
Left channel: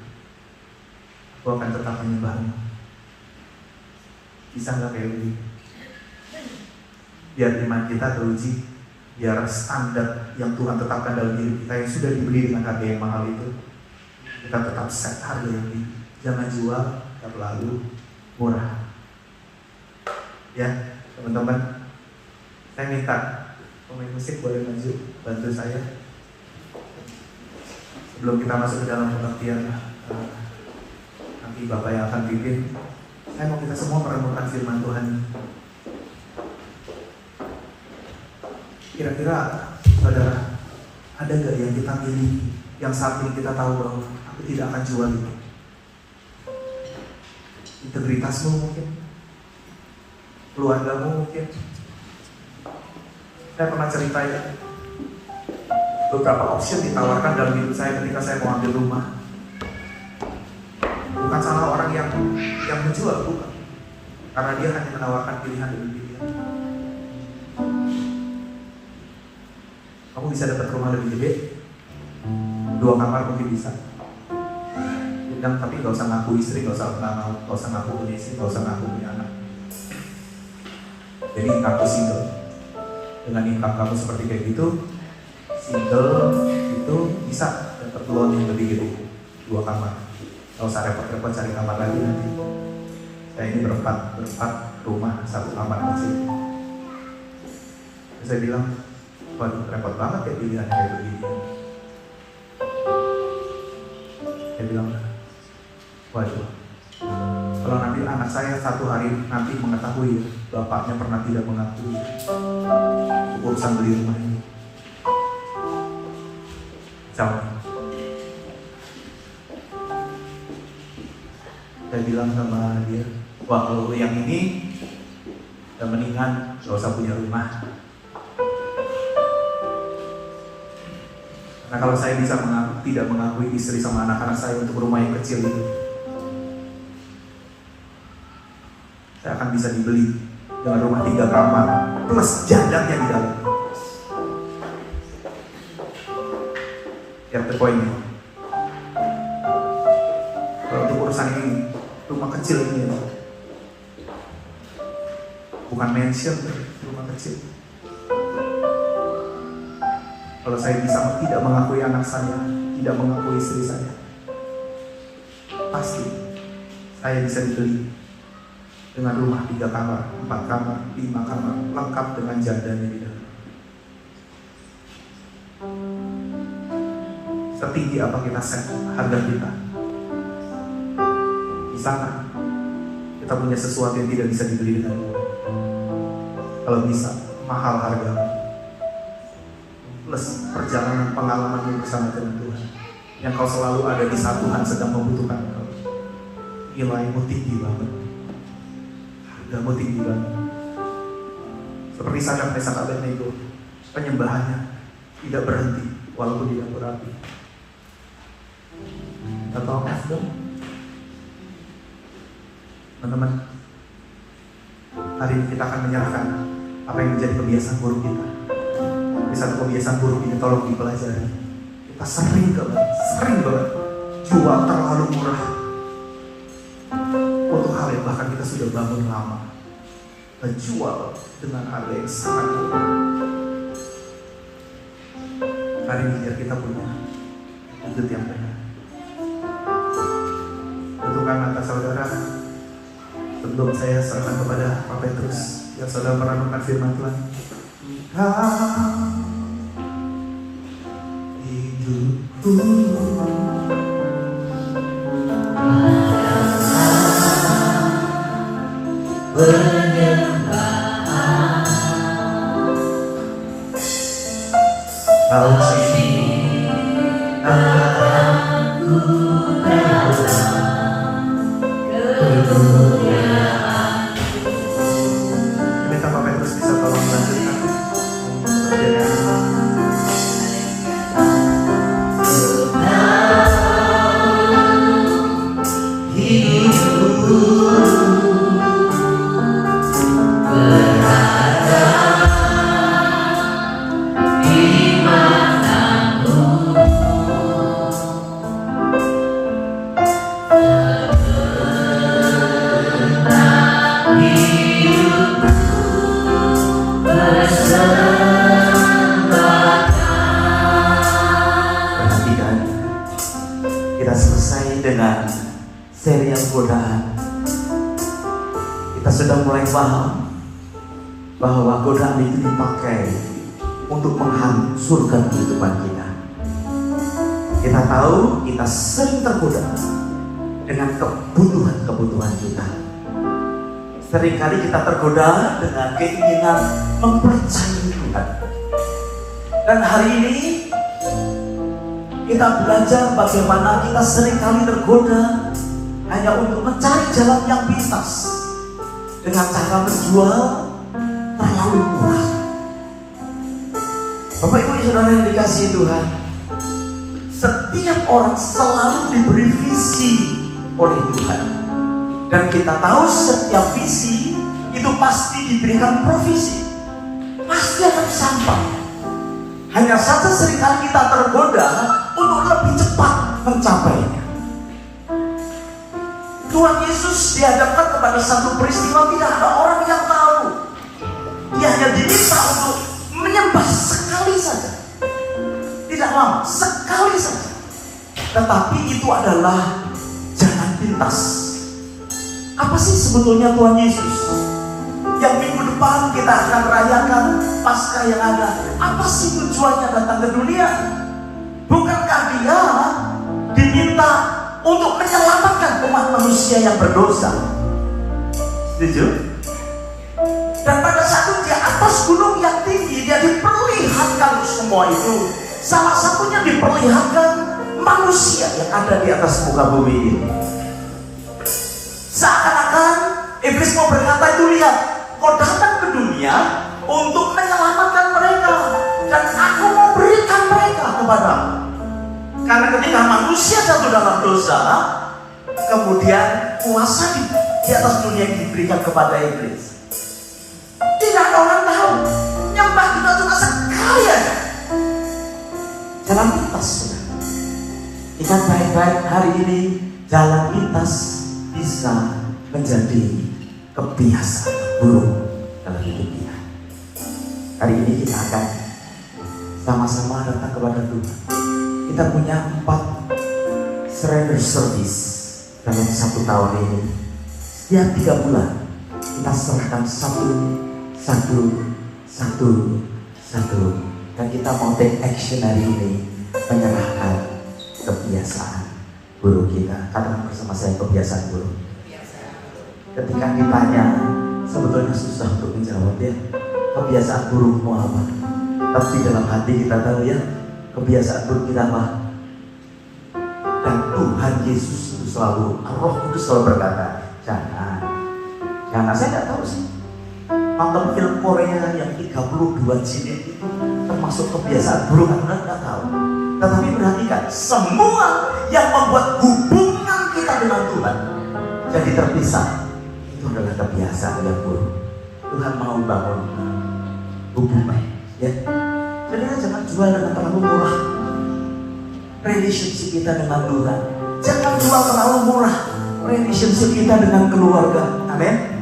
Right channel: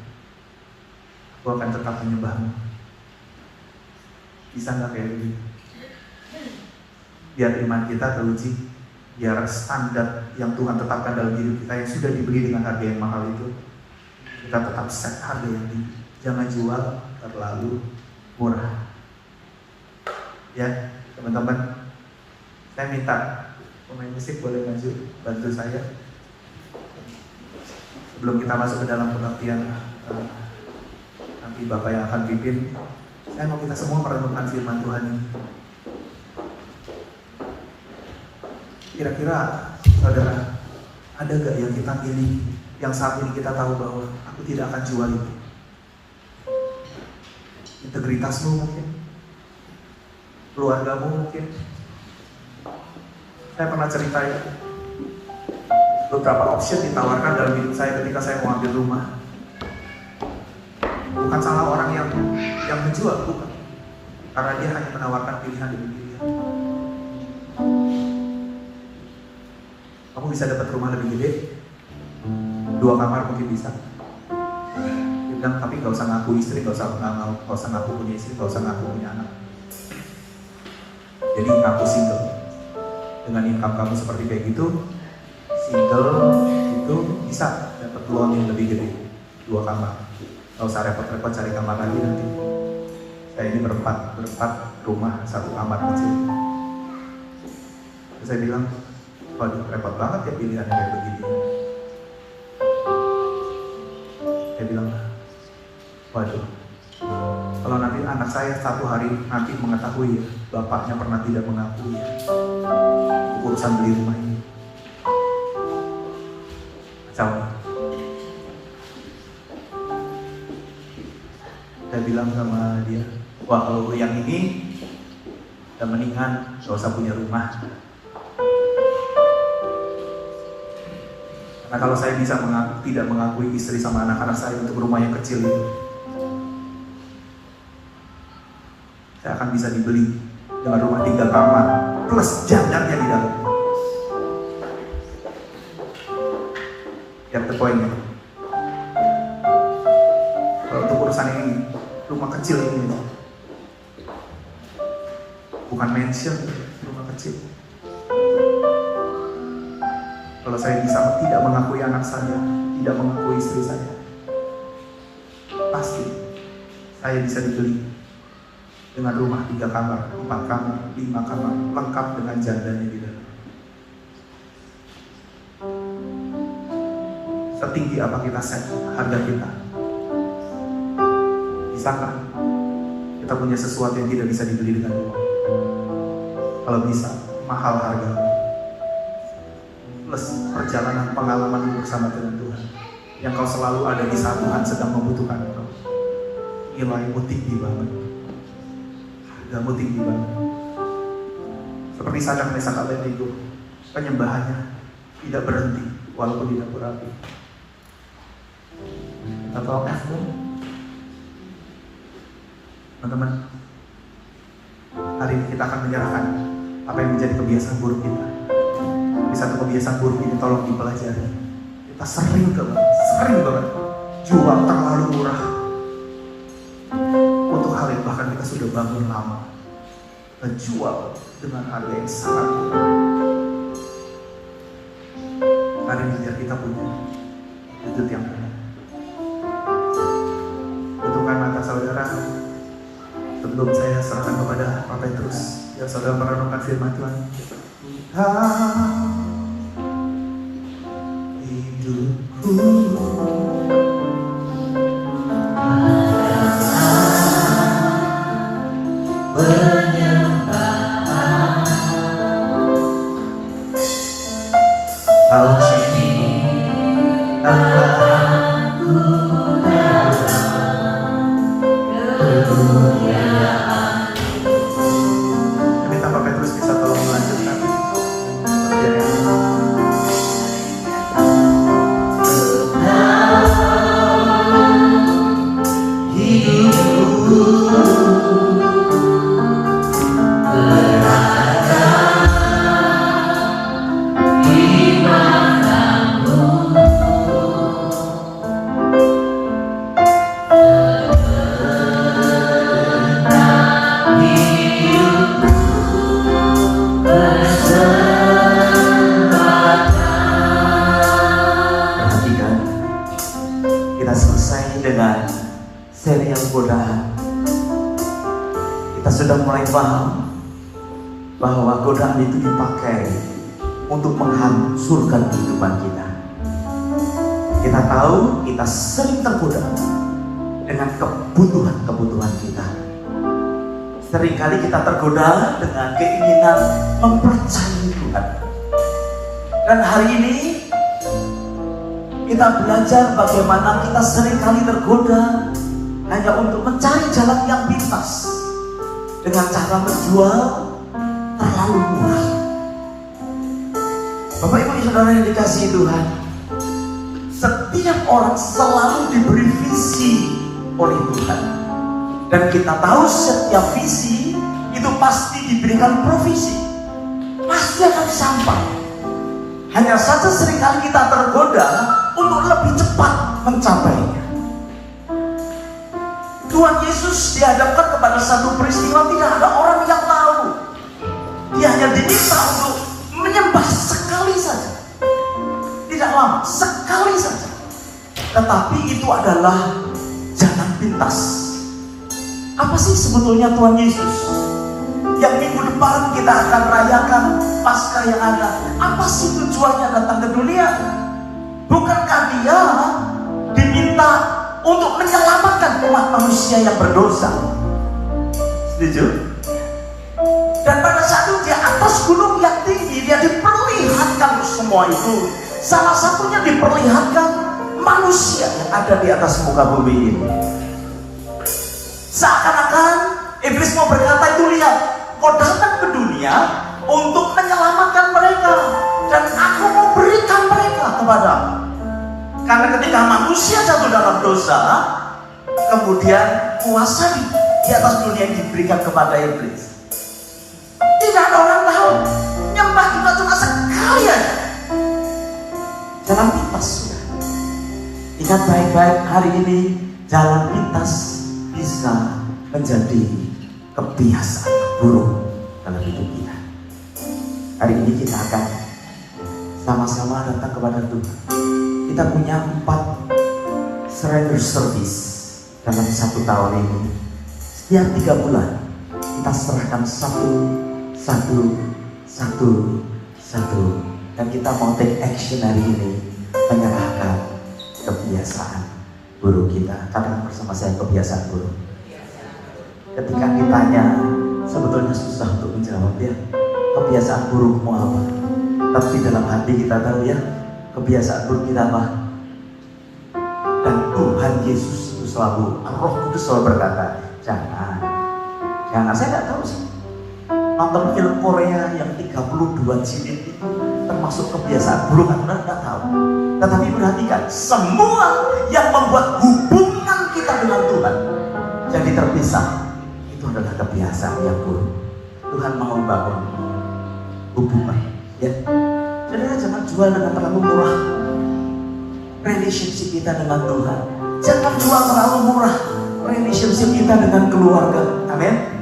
aku akan tetap menyembahmu. Bisa nggak kayak begitu? Biar iman kita teruji, biar standar yang Tuhan tetapkan dalam diri kita yang sudah dibeli dengan harga yang mahal itu, kita tetap set harga yang tinggi. Jangan jual terlalu murah. Ya, teman-teman, saya minta pemain musik boleh maju bantu saya sebelum kita masuk ke dalam pengertian. Nanti Bapak yang akan pimpin. Saya mau kita semua merenungkan firman Tuhan. Kira-kira, saudara, ada gak yang kita miliki, yang saat ini kita tahu bahwa aku tidak akan jual itu? Integritasmu mungkin, keluargamu mungkin. Saya pernah cerita ya, beberapa option ditawarkan dalam hidup saya ketika saya mau ambil rumah. Bukan salah orang yang menjual, bukan. Karena dia hanya menawarkan pilihan demi pilihan. Kamu bisa dapat rumah lebih gede, 2 kamar mungkin bisa. Bilang, tapi gak usah ngaku istri, gak usah ngaku punya istri, gak usah ngaku punya anak. Jadi ngaku single. Dengan income kamu seperti kayak gitu, single itu bisa dapat loan yang lebih gede, 2 kamar. Gak usah repot-repot cari kamar lagi nanti. Saya ini berempat rumah, 1 kamar kecil. Terus saya bilang, waduh repot banget ya pilihan kayak begini. Saya bilang, waduh, kalau nanti anak saya satu hari nanti mengetahui bapaknya pernah tidak mengakui urusan beli rumah ini, jauh. Saya bilang sama dia, wah kalau yang ini udah mendingan gak usah punya rumah. Karena kalau saya bisa tidak mengakui istri sama anak-anak saya untuk rumah yang kecil itu, saya akan bisa dibeli dengan rumah 3 kamar plus jajannya di dalam. Yang terpoinnya, kalau untuk urusan ini, rumah kecil ini, bukan mansion, rumah kecil. Kalau saya bisa tidak mengakui anak saya, tidak mengakui istri saya, pasti saya bisa dibeli dengan rumah 3 kamar, 4 kamar, 5 kamar, lengkap dengan jandanya di dalam. Setinggi apa kita set harga kita? Bisakah kita punya sesuatu yang tidak bisa dibeli dengan uang? Kalau bisa, mahal harganya. Plus perjalanan pengalaman bersama dengan Tuhan, yang kau selalu ada di saat Tuhan sedang membutuhkan kau. Nilaimu tinggi banget, hargamu tinggi banget. Seperti Sadrak, Mesak, Abednego, penyembahannya tidak berhenti walaupun di dapur api. Atau F-mu, teman-teman, hari ini kita akan menyerahkan apa yang menjadi kebiasaan buruk kita. Satu kebiasaan buruk ini tolong dipelajari. Kita sering banget jual terlalu murah untuk hal yang bahkan kita sudah bangun lama, dan jual dengan harga yang sangat murah. Hari ini biar kita punya wujud yang benar. Tentukan atas saudara sebelum saya serahkan kepada Pak Petrus, biar saudara merenungkan firman Tuhan. Kau cinta aku minta Pak Petrus bisa tolong melanjutkan. Perhatikan, kita selesai dengan serial godaan. Kita sudah mulai paham bahwa godaan itu dipakai untuk menghancurkan kehidupan kita. Kita tahu kita sering tergoda dengan kebutuhan-kebutuhan kita. Seringkali kita tergoda dengan keinginan mempercayai Tuhan. Dan hari ini kita belajar bagaimana kita seringkali tergoda hanya untuk mencari jalan yang pintas dengan cara menjual terlalu murah. Bapak Ibu Saudara yang dikasihi Tuhan, setiap orang selalu diberi visi oleh Tuhan. Dan kita tahu setiap visi itu pasti diberikan provisi, pasti akan sampai. Hanya saja seringkali kita tergoda untuk lebih cepat mencapainya. Tuhan Yesus dihadapkan kepada satu peristiwa tidak ada orang yang tahu. Dia hanya diminta untuk menyembah sekali saja, tidak lama, sekali saja. Tetapi itu adalah jalan pintas. Apa sih sebetulnya Tuhan Yesus yang minggu depan kita akan rayakan Paskah yang ada? Apa sih tujuannya datang ke dunia? Bukankah dia diminta untuk menyelamatkan umat manusia yang berdosa? Setuju? Dan pada saat itu di atas gunung yang tinggi dia diperlihatkan semua itu. Salah satunya diperlihatkan manusia yang ada di atas muka bumi ini. Seakan-akan iblis mau berkata itu, lihat, kau datang ke dunia untuk menyelamatkan mereka, dan aku mau berikan mereka kepadamu. Karena ketika manusia jatuh dalam dosa, kemudian kuasa di atas dunia diberikan kepada iblis. Tidak orang tahu, nyembah kita cuma sekali aja. Jalan pintas sudah. Ingat baik-baik hari ini, jalan pintas bisa menjadi kebiasaan buruk dalam hidup kita. Hari ini kita akan sama-sama datang kepada Tuhan. Kita punya 4 surrender service dalam 1 tahun ini. Setiap 3 bulan kita serahkan satu. Dan kita mau take action hari ini, menyerahkan kebiasaan buruk kita. Kadang bersama saya kebiasaan buruk. Ketika ditanya, sebetulnya susah untuk menjawab ya. Kebiasaan burukmu apa? Tapi dalam hati kita tahu ya, kebiasaan buruk kita apa? Dan Tuhan Yesus itu selalu, Roh Kudus selalu berkata, jangan. Saya nggak tahu sih. Nonton film Korea yang 32 jilid itu termasuk kebiasaan buruk, anda nggak tahu. Tetapi perhatikan, semua yang membuat hubungan kita dengan Tuhan jadi terpisah, itu adalah kebiasaan yang buruk. Tuhan mau bangun hubungan, ya. Jadi jangan jual dengan terlalu murah relationship kita dengan Tuhan. Jangan jual terlalu murah relationship kita dengan keluarga. Amin.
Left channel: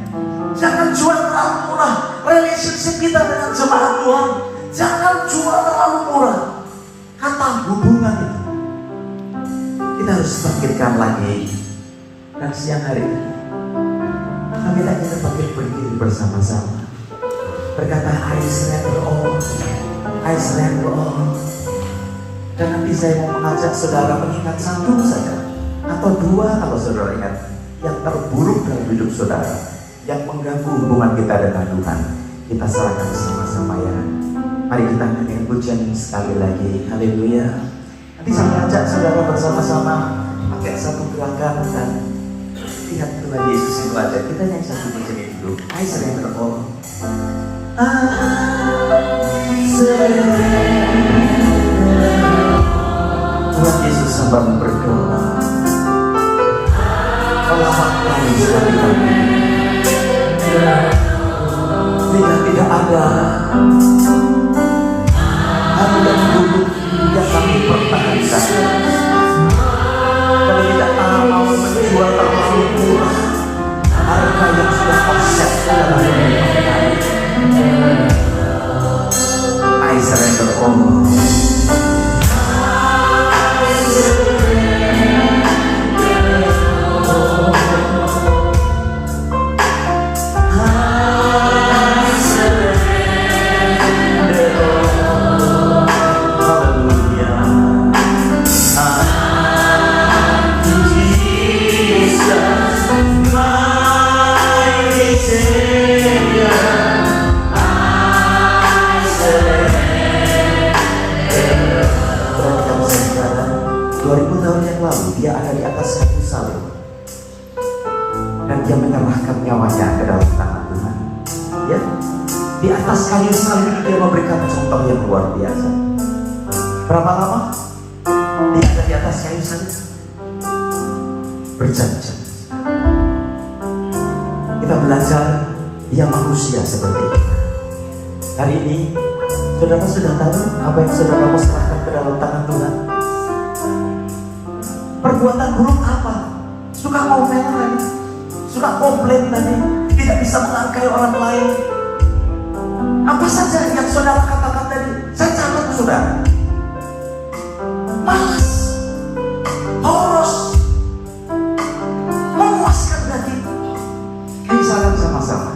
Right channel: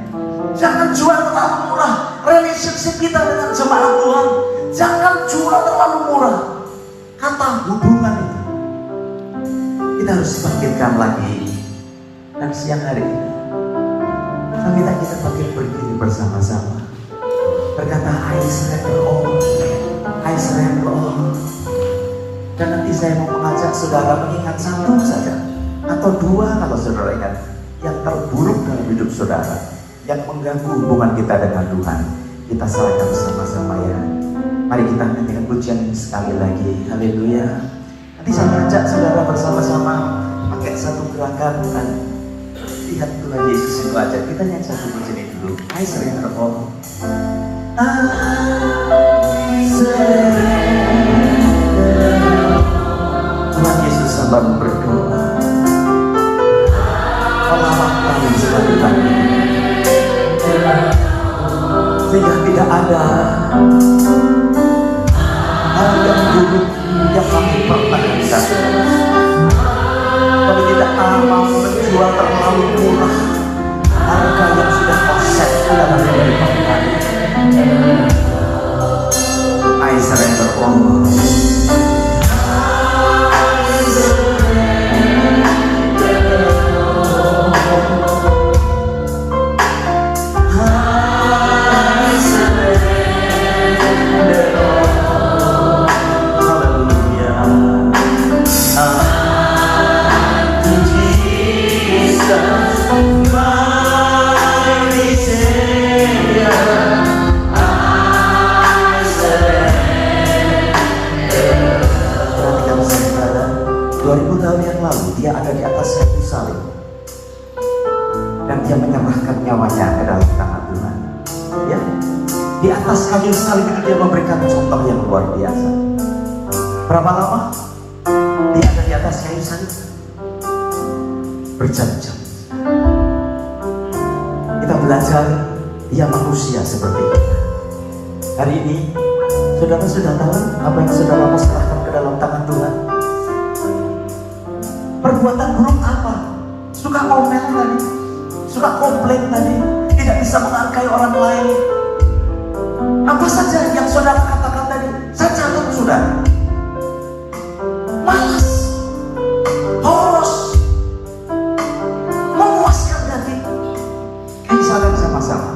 Jangan jual terlalu murah relationship kita dengan jemaat Tuhan. Jangan jual terlalu murah kata hubungan itu. Kita harus bangkitkan lagi. Dan siang hari ini kita bangkit berdiri bersama-sama, berkata, I surrender all, I surrender all. Dan nanti saya mau mengajak saudara mengingat 1 saja atau 2 kalau saudara ingat yang terburuk dalam hidup saudara, yang mengganggu hubungan kita dengan Tuhan. Kita serahkan sama-sama ya. Mari kita mengingat nyanyian pujian ini sekali lagi. Haleluya. Nanti saya ajak saudara bersama-sama pakai satu gerakan dan lihat Tuhan Yesus itu aja. Kita nyanyi satu pujian itu dulu. Hai sering bertolong. Tuhan Yesus sambil berdoa. Allah kami sekali lagi. Tidak ada hal yang buruk yang kami pernah rasakan. Kalau kita mau menjual terlalu murah harga yang sudah terset dalam hidup kami. Aisyah yang berkobar. Dia ada di atas kayu salib dan dia menyerahkan nyawanya ke dalam tangan Tuhan. Ya, di atas kayu salib dia memberikan contoh yang luar biasa. Berapa lama dia ada di atas kayu salib? Berjam-jam. Kita belajar dia manusia seperti kita. Hari ini saudara sudah tahu apa yang saudara mau serahkan ke dalam tangan Tuhan. Perbuatan buruk apa? Suka ngomel tadi, suka komplain tadi, tidak bisa menghargai orang lain. Apa saja yang saudara katakan tadi? Saya catat saudara. Malas, boros, memuaskan diri. Kita sama-sama.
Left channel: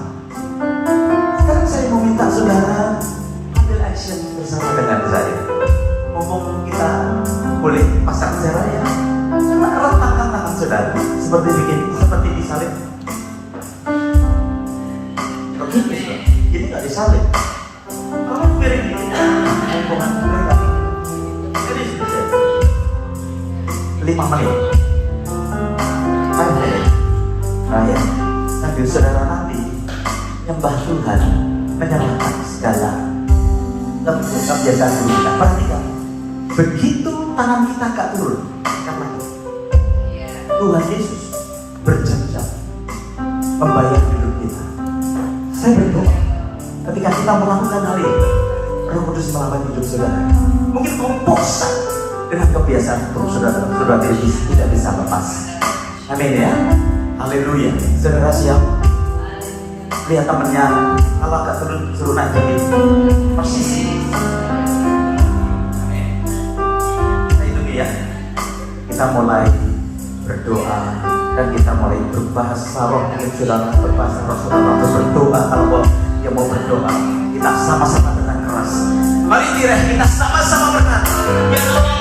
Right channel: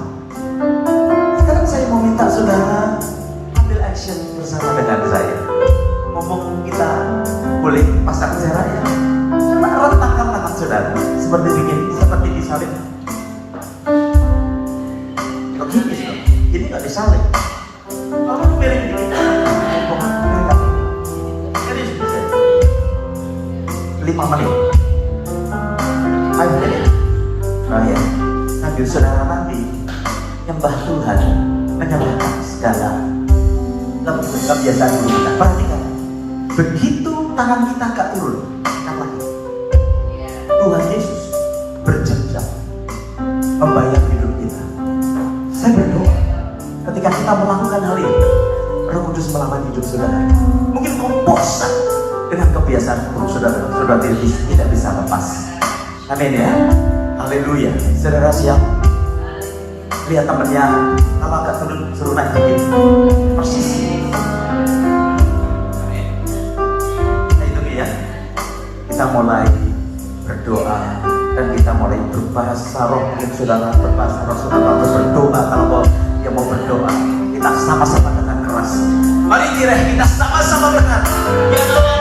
Sekarang saya mau minta saudara ambil action bersama dengan saya. Ngomong kita boleh pasang jarak ya. Rentangkan tangan saudara seperti disalib. Ini nggak disalib. Kamu miring ini. Ini 5 menit. Ayo, sambil saudara nanti nyembah Tuhan menyerahkan segala kebiasaan kita. Perhatikan, begitu tangan kita gak turun. Tuhan Yesus berjanji membayar hidup kita. Saya berdoa ketika kita melakukan hal ini, Roh Kudus melakukan hidup saudara. Mungkin kau bosan dengan kebiasaan buruk saudara itu tidak bisa lepas. Amin ya. Haleluya. Saudara siap? Lihat temannya, kalau agak suruh naik dikit. Posisi. Amin. Nah itu dia. Kita mulai berdoa dan kita mulai berbahasa roh. Mungkin saudara berbahasa roh, saudara berdoa. Kalau dia mau berdoa, kita sama-sama dengan keras. Mari kita sama-sama berkata, ya Allah,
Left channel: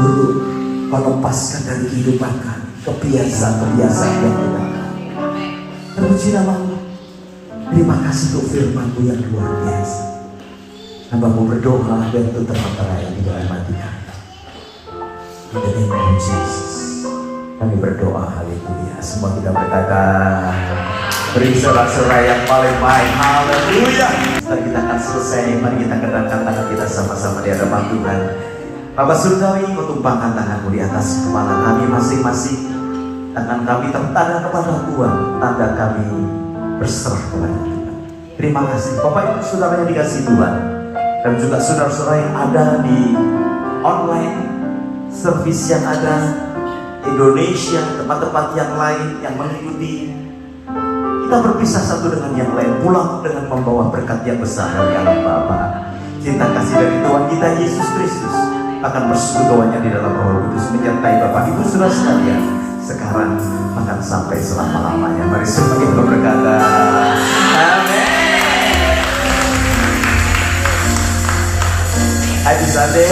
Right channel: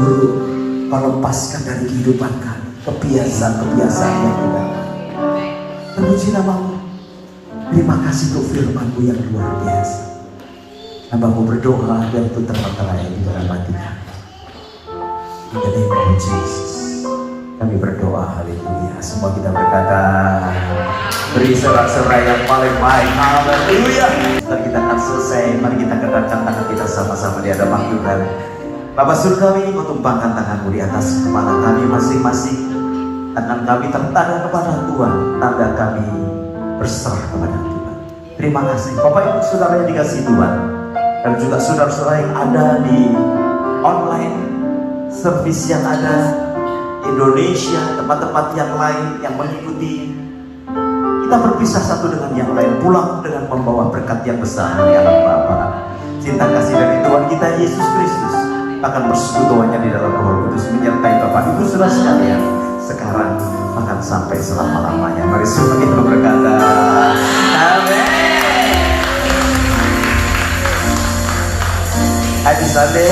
buruk Kau lepaskan dari kehidupan kami, kebiasaan-kebiasaan yang tidak. Terpuji namamu. Terima kasih untuk firman-Mu yang luar biasa. Hamba-Mu berdoa biar itu terang-terangan di dalam hati kami. In the name of Jesus. Kami berdoa, haleluya. Semua kita berkata, beri sorak-sorai yang paling baik, haleluya. Setelah kita akan selesai, mari kita kedapkan tangan kita sama-sama di hadapan Tuhan. Bapak Surgawi, tumpahkan tangan-Mu di atas kepala kami masing-masing. Tangan kami tertanda kepada Tuhan, tanda kami berserah kepada Tuhan. Terima kasih Bapak Ibu Saudara yang dikasihi Tuhan, dan juga saudara-saudara yang ada di online service yang ada Indonesia, tempat-tempat yang lain yang mengikuti. Kita berpisah satu dengan yang lain, pulang dengan membawa berkat yang besar dari Allah Bapa. Cinta kasih dari Tuhan kita Yesus Kristus akan bersekutunya di dalam Roh Kudus menyertai Bapak Ibu Saudara sekalian sekarang bahkan sampai selama-lamanya. Mari semua kita berkata amin. Happy Sunday.